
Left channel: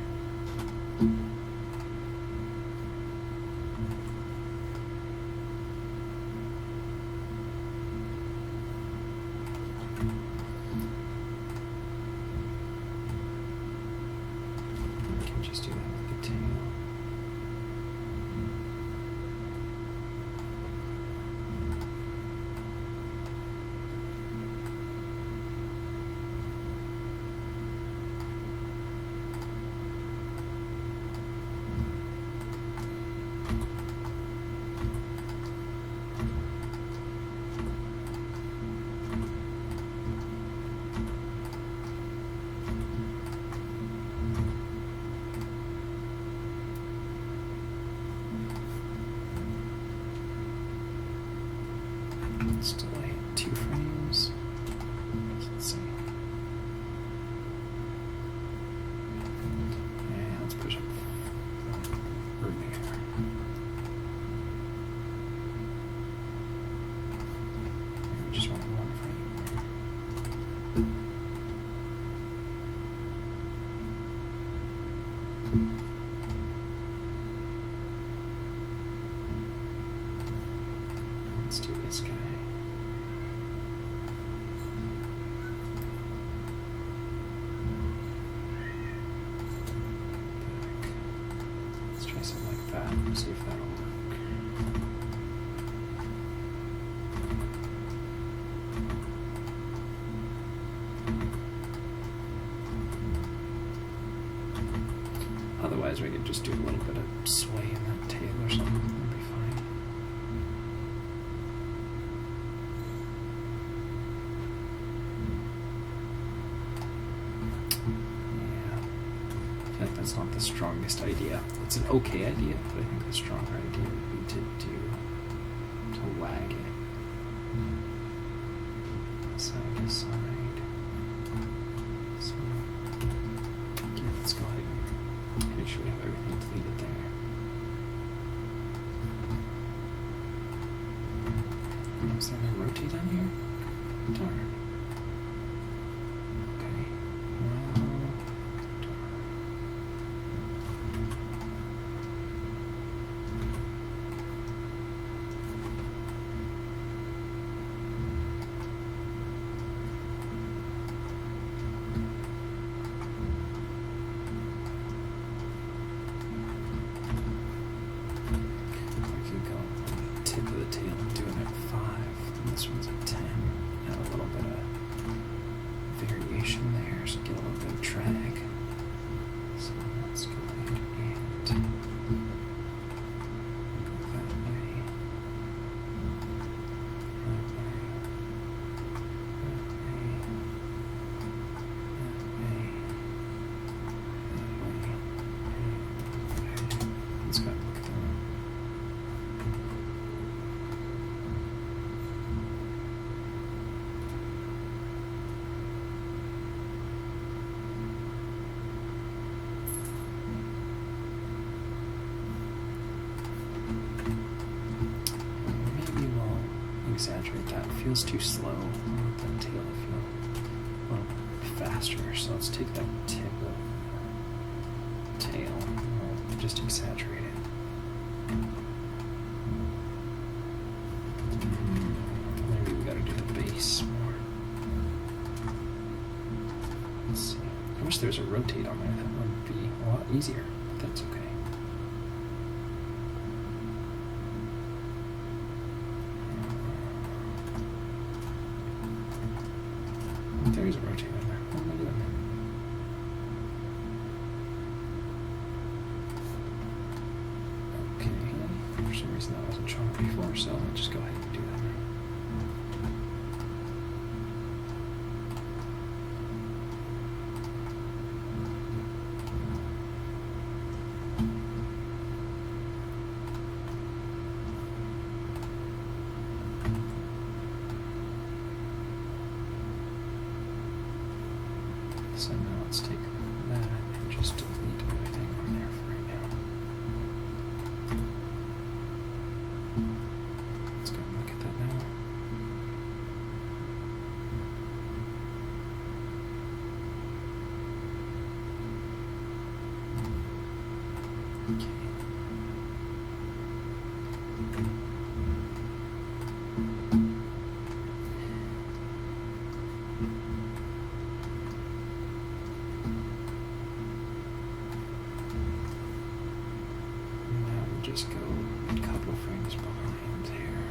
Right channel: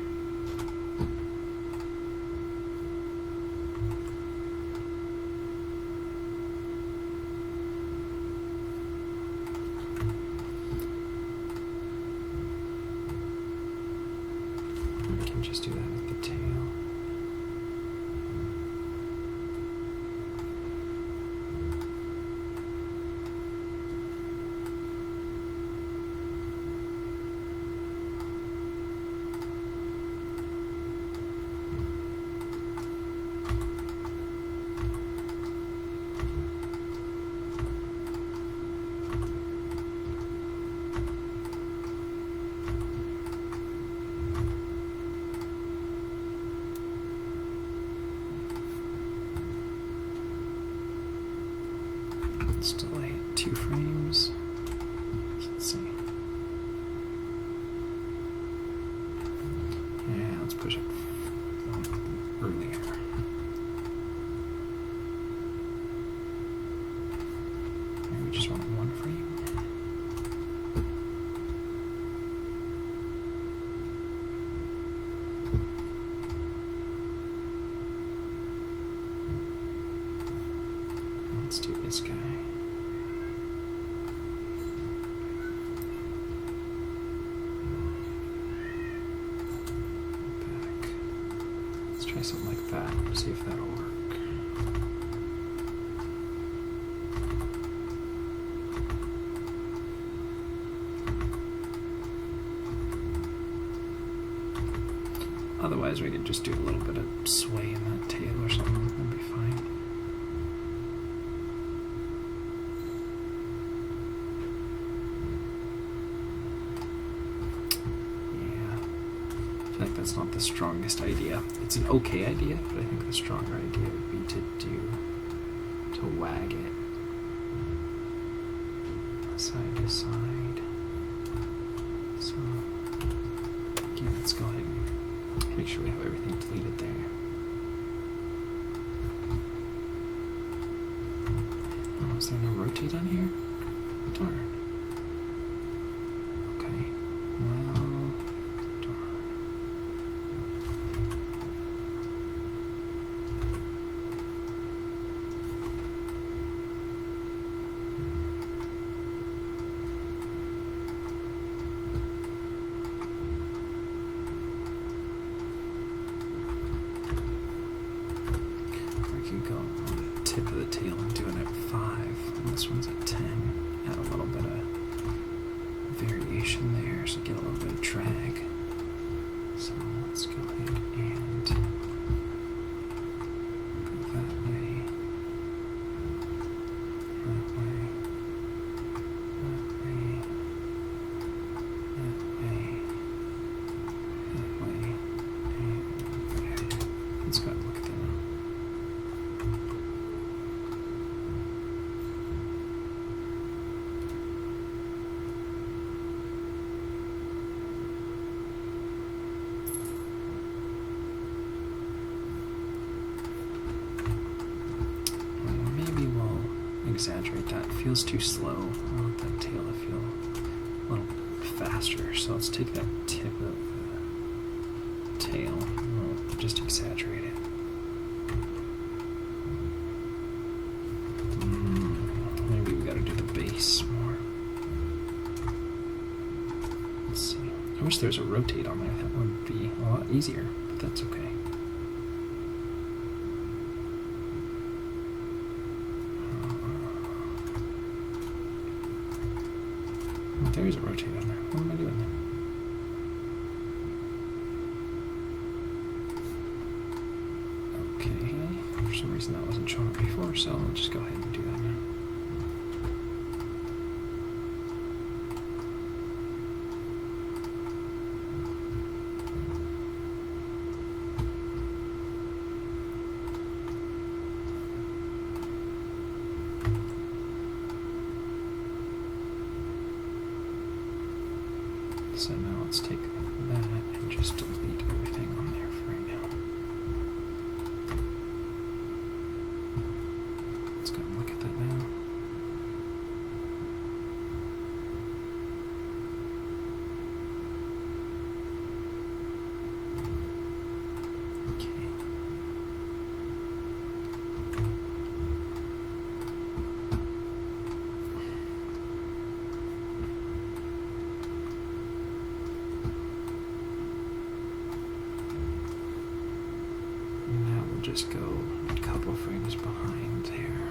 We can just do that with the tail. 2 frames. Let's see. Yeah, let's push it earlier. Maybe we just want 1 frame. Let's do this guy. Back. Let's try something like that. See if that'll work. Otherwise, we could just do a little bit of sway in that tail or something. That'd be fine. I think that's not the strongest idea. It's an okay idea, but I think the stronger idea would be to wag it side to side. So yeah, let's go ahead and make sure we have everything deleted there. Oh, is there no rotate on here? Darn. Okay. Well, go on the tip of the tail and doing it 5, and this one's at 10. Add a little bit of variation there, so get a little bit of drag. So let's go ahead and go that way, that way, that way, that way, that way, and there. Let's go ahead and look at that. Exaggerate that. It feels too slow. I want that tail to feel a little faster. So let's take that tip of the tail and we'll just exaggerate it. Maybe we gotta do the base more. Let's see. I wish there was a rotate on there. That would be a lot easier, but that's okay. There's a rotate on there. What am I doing there? Okay. For some reason that wasn't showing up before, so I'll just go ahead and do that now. So now let's take that and just delete everything on there for right now. Let's go and look at that now. Okay. Just go a couple frames behind here.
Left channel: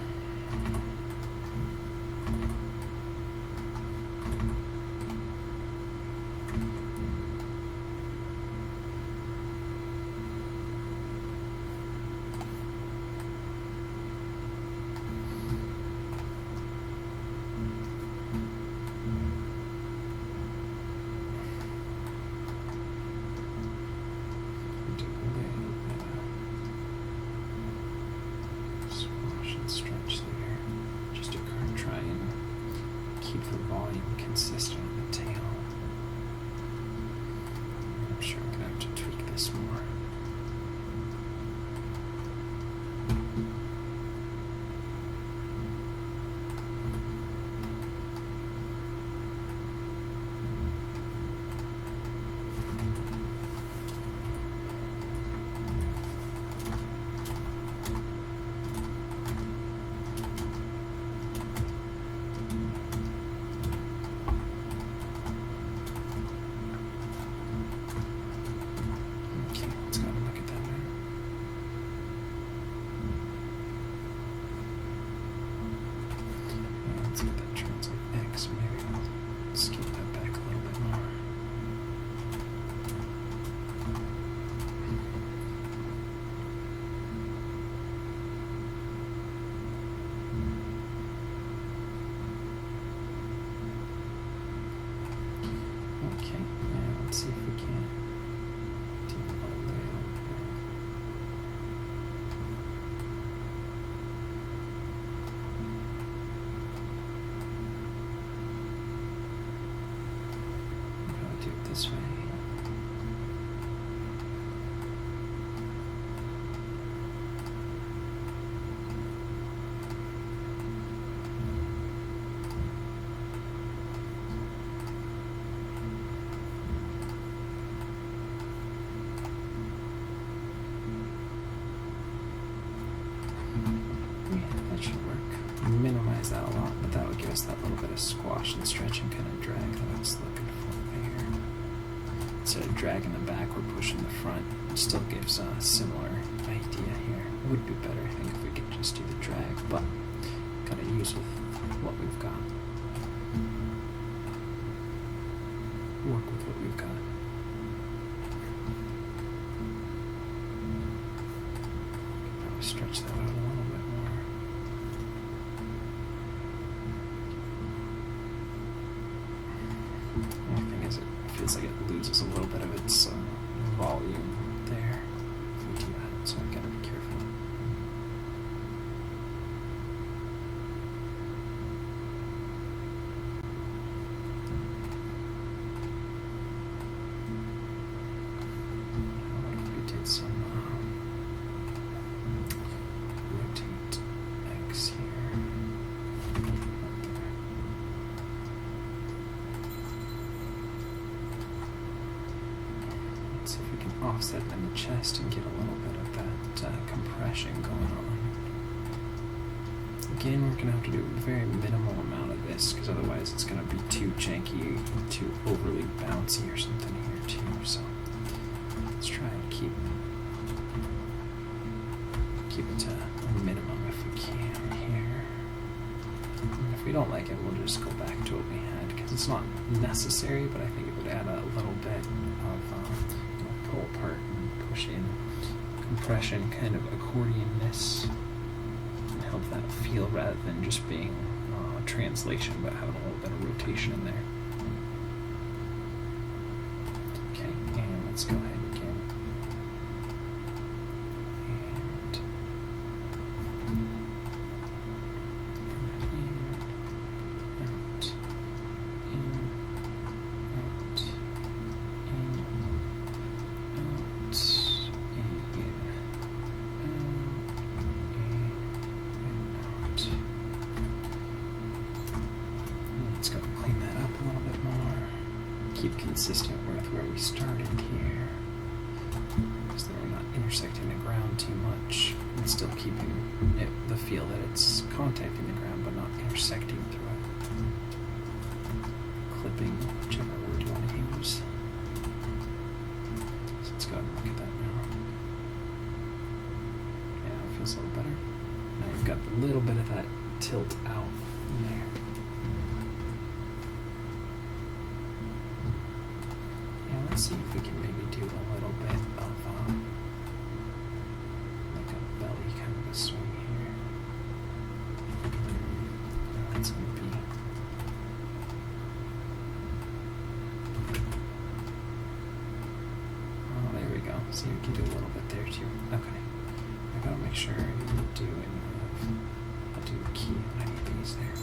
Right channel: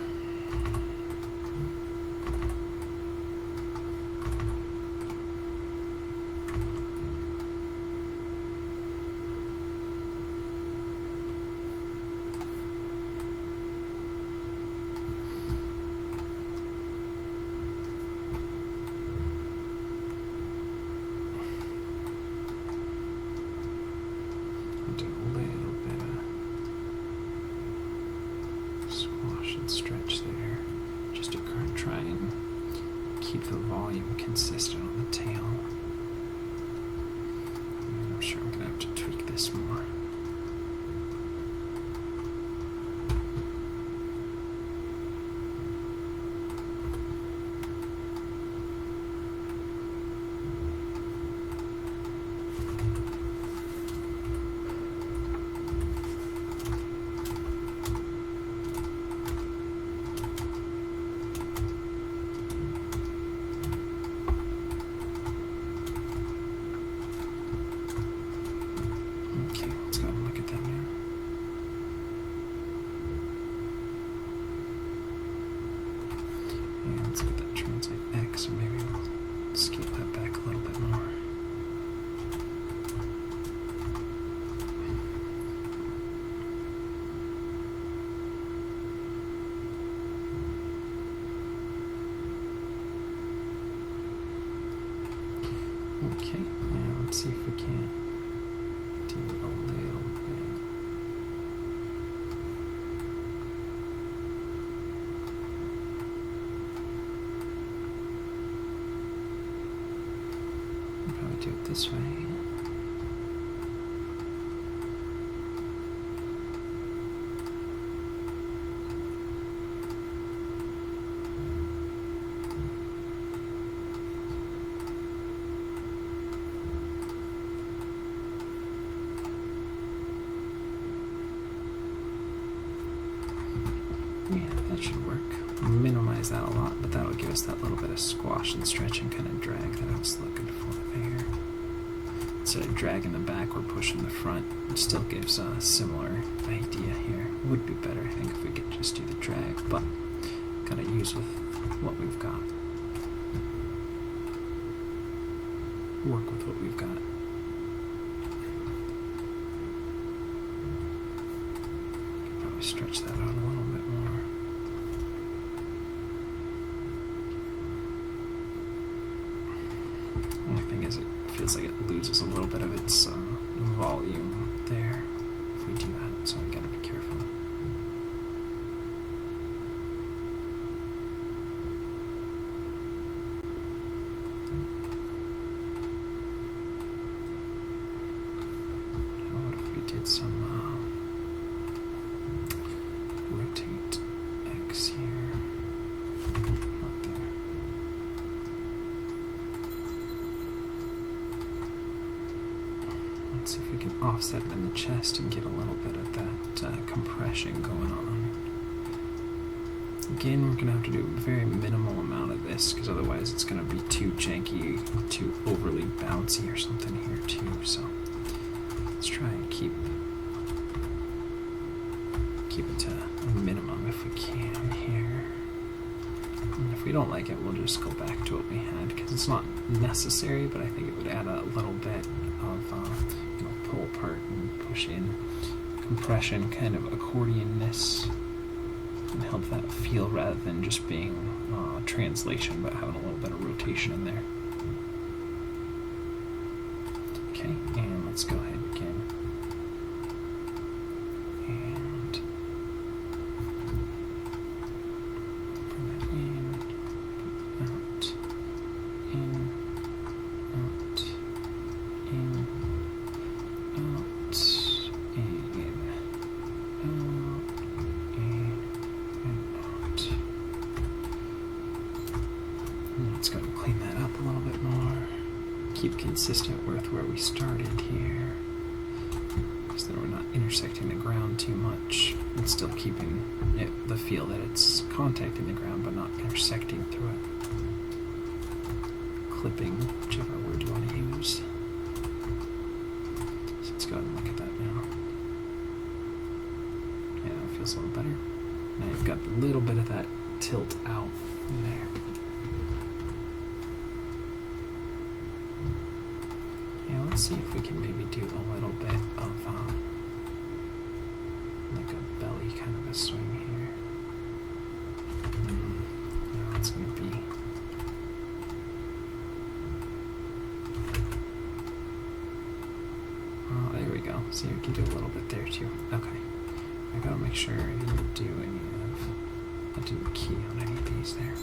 Do a little bit of squat. volume consistent on the tail. I'm sure I'm going to have to tweak this more. Let's get that translate X, or maybe I'll scale that back a little bit more. Okay, now let's see if we can do a little bit. Do it this way. Yeah, that should work. Minimize that a lot, but that would give us that little bit of squash and stretch and kind of drag that I was looking for there. Instead of dragging the back, we're pushing the front. It still gives a similar idea here. It would be better, I think, if we could just do the drag, but gotta use with what we've got. Work with what we've got. Could probably stretch that out a little bit more. Only thing is, it feels like it loses a little bit of its volume there if we do that, so I gotta be careful. What if we did some rotate X here? See if we can offset it in the chest and get a little bit of that compression going on. Again, we're going to have to do a very minimal amount of this because otherwise it's going to be too janky, too overly bouncy or something here too. So let's try and keep it to a minimum if we can here. And if we don't like it, we'll just go back to what we had because it's not necessary, but I think it would add a little bit of pull apart and push in compression, kind of accordionness, and help that feel rather than just being translation, but having a little bit of rotation in there. Okay, and let's go ahead again. And bring that in, out, in, out, in, out, out. And let's go and clean that up a little bit more. Keep consistent with where we started here, so that we're not intersecting the ground too much, and still keeping the feel that it's contacting the ground but not intersecting through it. Clipping, whichever word you want to use. So let's go ahead and look at that now. Yeah, it feels a little better. Now you've got a little bit of that tilt out in there. Yeah, let's see if we can maybe do a little bit of like a belly kind of a swing here. Yeah, it's going to be there we go. See, we can do a little bit there too. Okay. I gotta make sure I didn't do any of, I'll do a key on any of these there.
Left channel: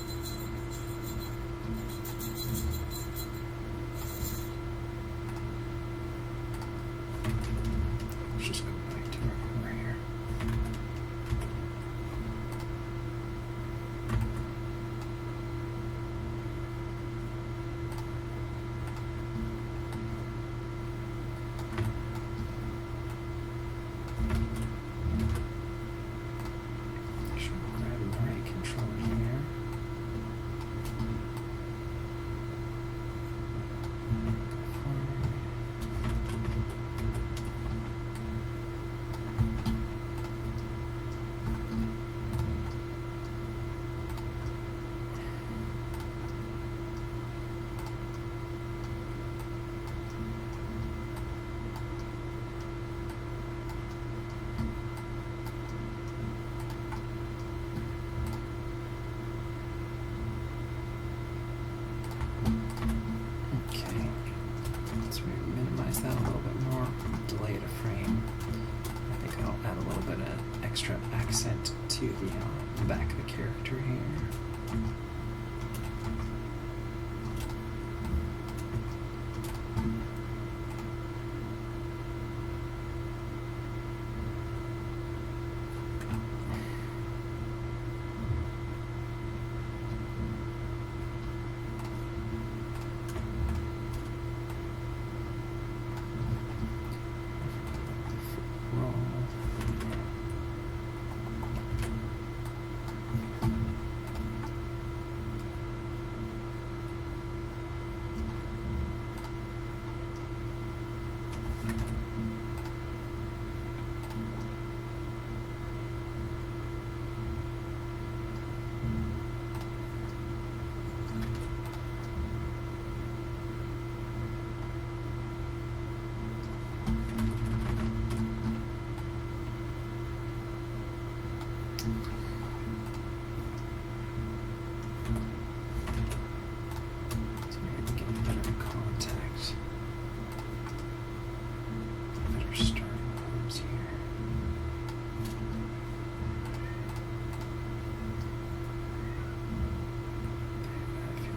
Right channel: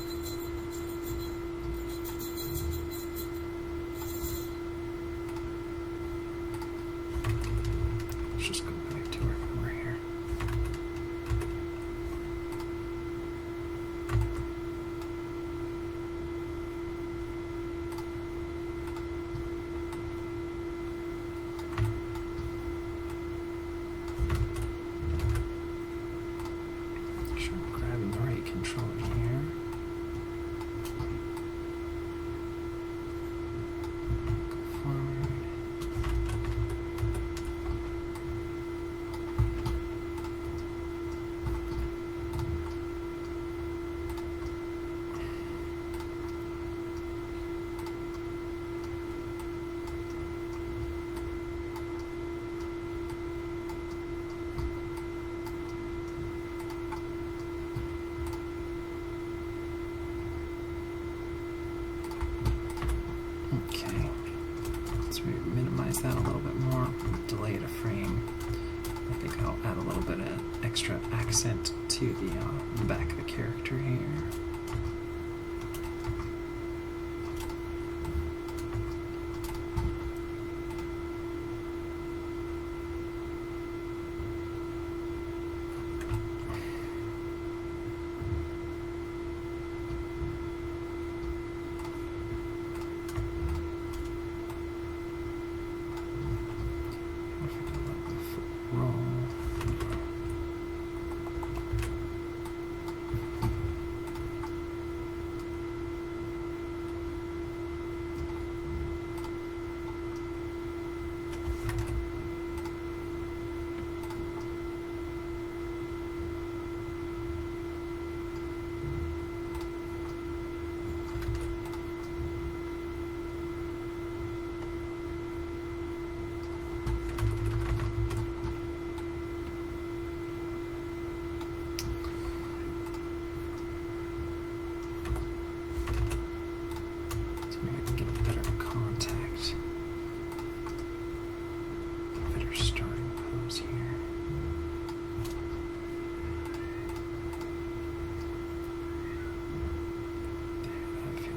Let's minimize that a little bit more. Delay it a frame. I think I'll add a little bit of extra accent to the back of the character here.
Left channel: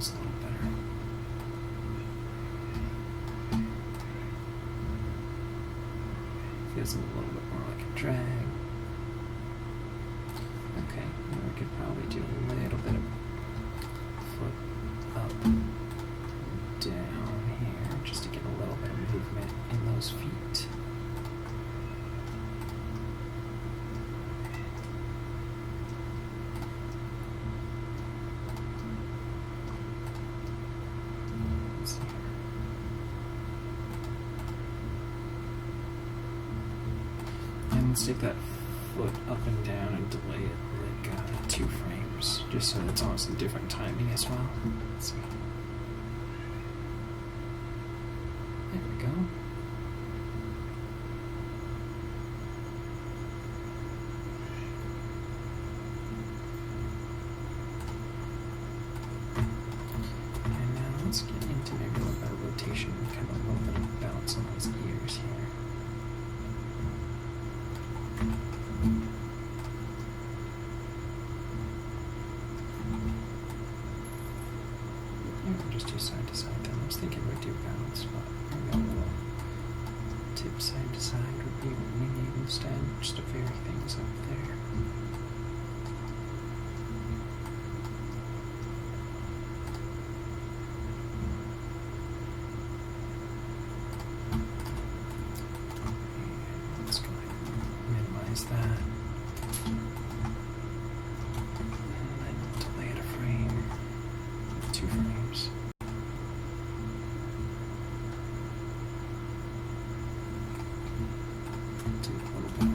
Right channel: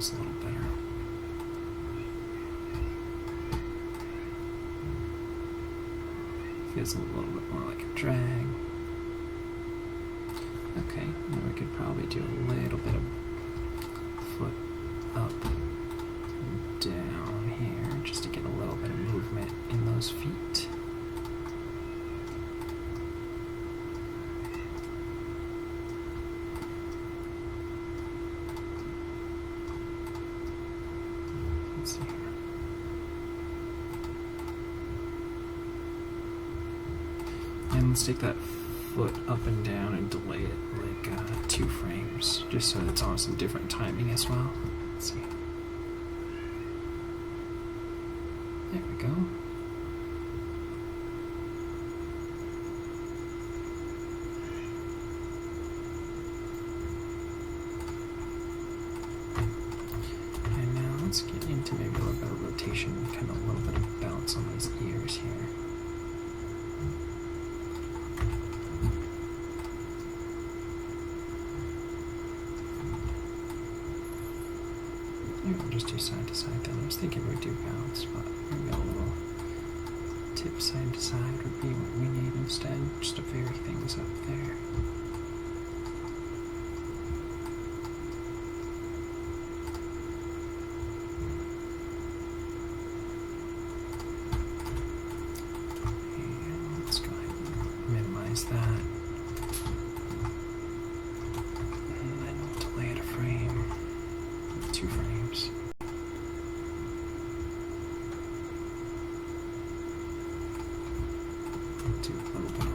A little better. Feels a little bit more like a drag. Okay, now we could probably do a little bit of foot up and down here just to get a little bit of movement in those feet. Let's take that foot up and down and delay it like 2 frames, just so it's on some different timing as well. Let's see. There we go. And now let's get into maybe a little bit of rotation, kind of a little bit of bounce on these ears here. Just do side to side then. I was thinking we'd do bounce, but maybe a little tip side to side would be what we need instead, just to vary things up there. And let's go ahead and minimize that. And then delay it a frame, 2 frames. Do a little bit.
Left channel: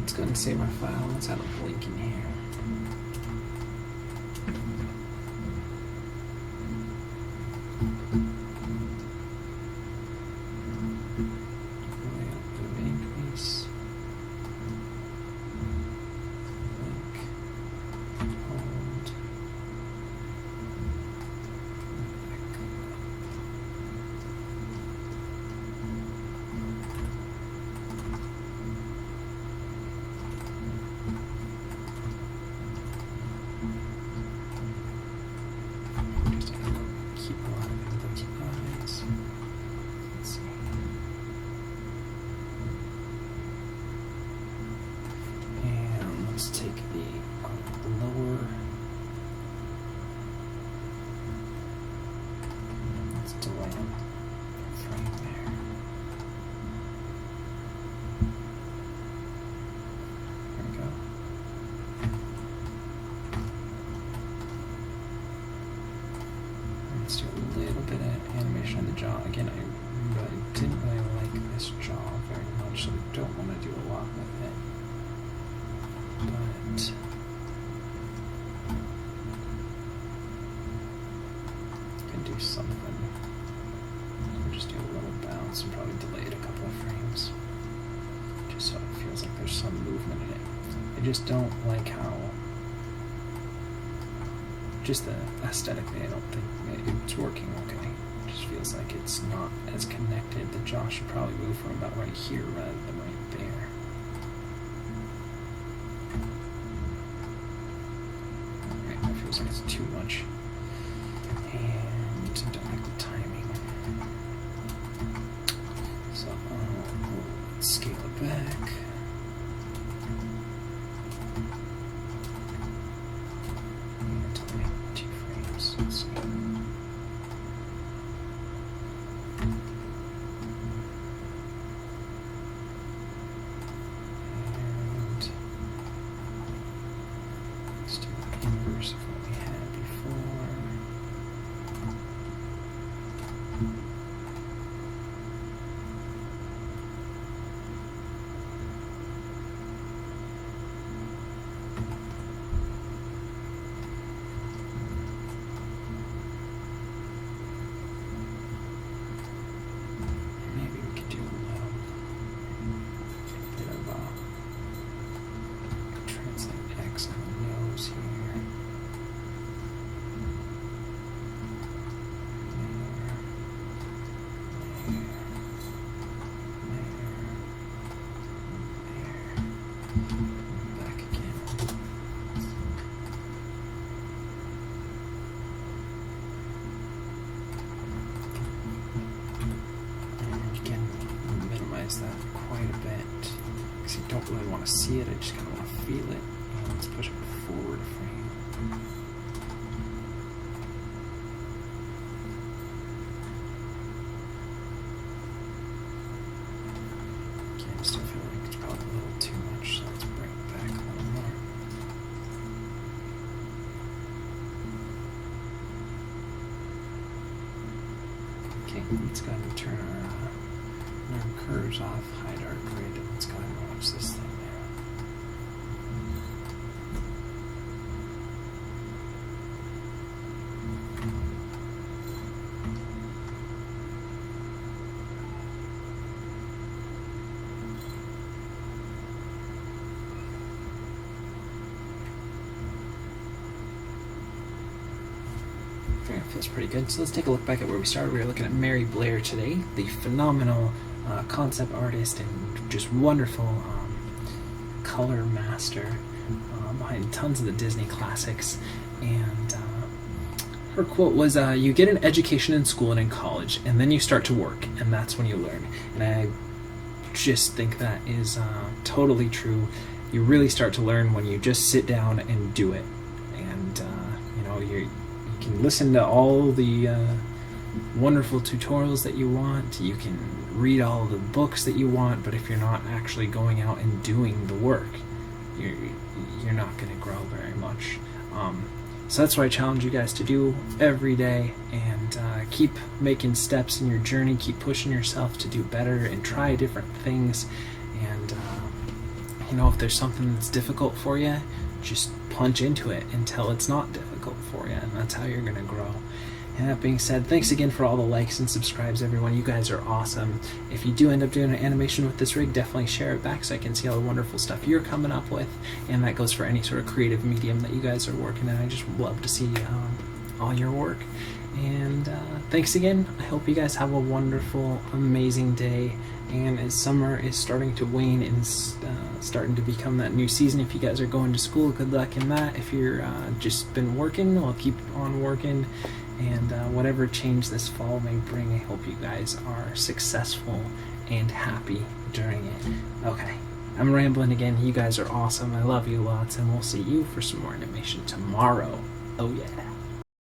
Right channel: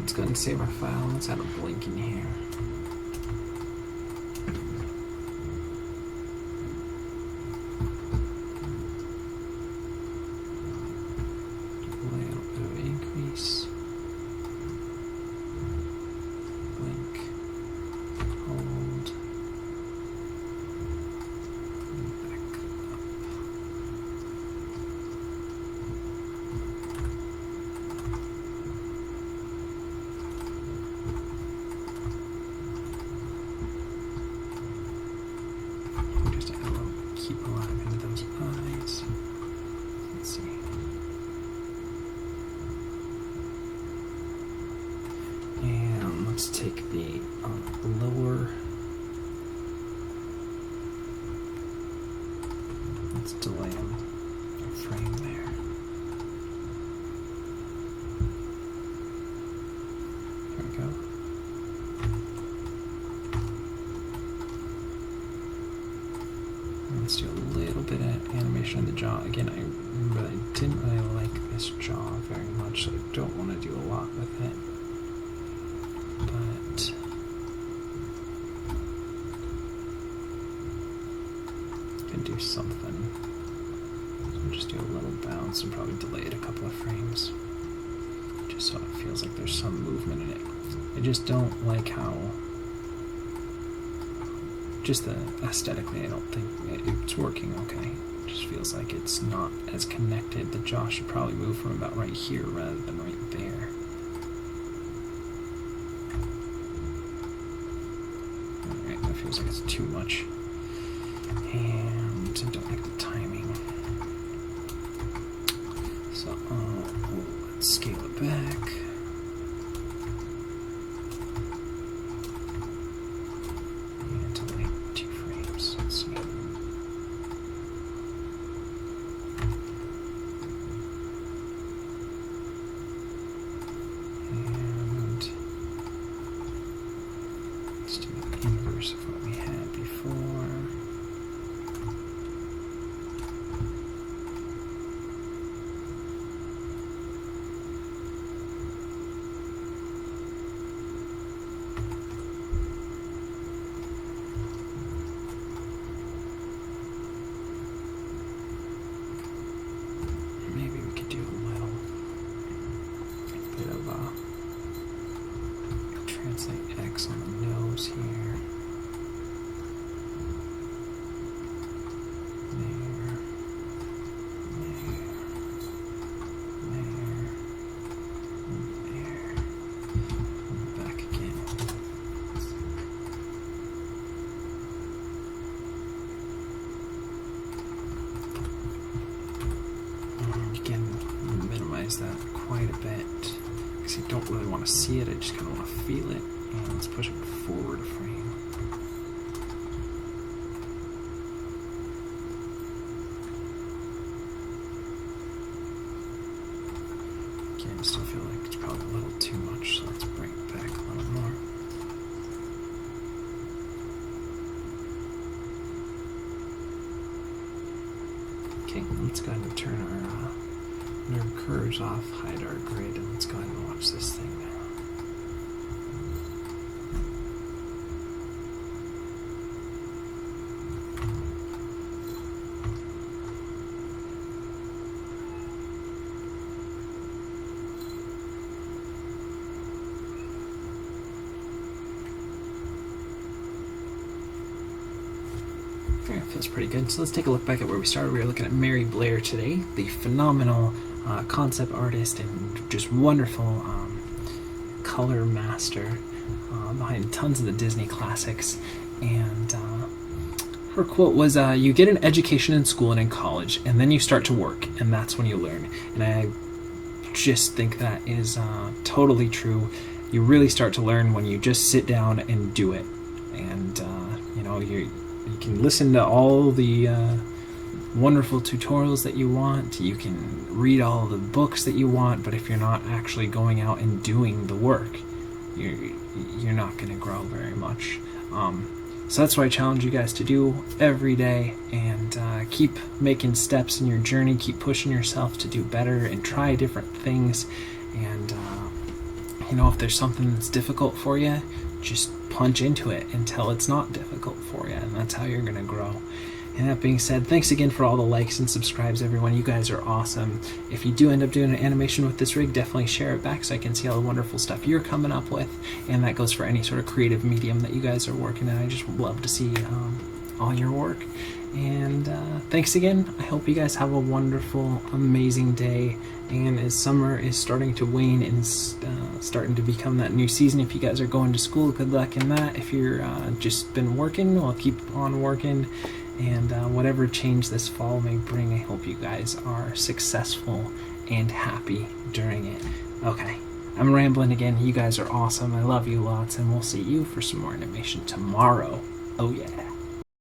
Let's go ahead and save our file. Let's add a blink in here. keep alive into those eyes. Let's see. And let's take the lower. Let's delay them frame there. There we go. And let's do a little bit of animation on the jaw. Again, I didn't really like this jaw very much, so I don't want to do a lot with it. But I can do something. So just do a little bounce and probably delay it a couple of frames, just so it feels like there's some movement in it. I just don't like how, just aesthetically, I don't think it's working okay. It just feels like it's not as connected. The jaw should probably move from about right here rather than right there. Alright, that feels like it's too much. And I don't like the timing. So let's scale it back. And to like 2 frames. Let's see. And let's do the inverse of what we had before. Maybe we could do a little bit of translate X on the nose here. That quite a bit because you don't really want to see it, I just kind of want to feel it. And let's push it forward a frame. Again, I still feel like it's probably a little too much, so let's bring it back a little more. Okay, let's go ahead and turn our curves off, hide our grid, and let's go ahead and watch this thing now. Okay, feels pretty good. So let's take a look back at where we started. We were looking at Mary Blair today, the phenomenal concept artist and just wonderful color master behind tons of the Disney classics. And her quote was, you get an education in school and in college, and then you start to work, and that's when you learn. And I just think that is totally true. You really start to learn when you just sit down and do it. And you know, you can listen to all the wonderful tutorials that you want, you can read all the books that you want, but if you're not actually going out and doing the work, you're not going to grow very much. So that's what I challenge you guys to do every day, and keep making steps in your journey, keep pushing yourself to do better and try different things. And you know, if there's something that's difficult for you, just punch into it until it's not difficult for you, and that's how you're going to grow. And that being said, thanks again for all the likes and subscribes, everyone. You guys are awesome. If you do end up doing an animation with this rig, definitely share it back so I can see all the wonderful stuff you're coming up with. And that goes for any sort of creative medium that you guys are working in. I just love to see all your work. And thanks again. I hope you guys have a wonderful, amazing day. And as summer is starting to wane and starting to become that new season, if you guys are going to school, good luck in that. If you're just been working, well, keep on working. And whatever change this fall may bring, I hope you guys are successful and happy during it. Okay, I'm rambling again. You guys are awesome. I love you lots, and we'll see you for some more animation tomorrow. Oh yeah.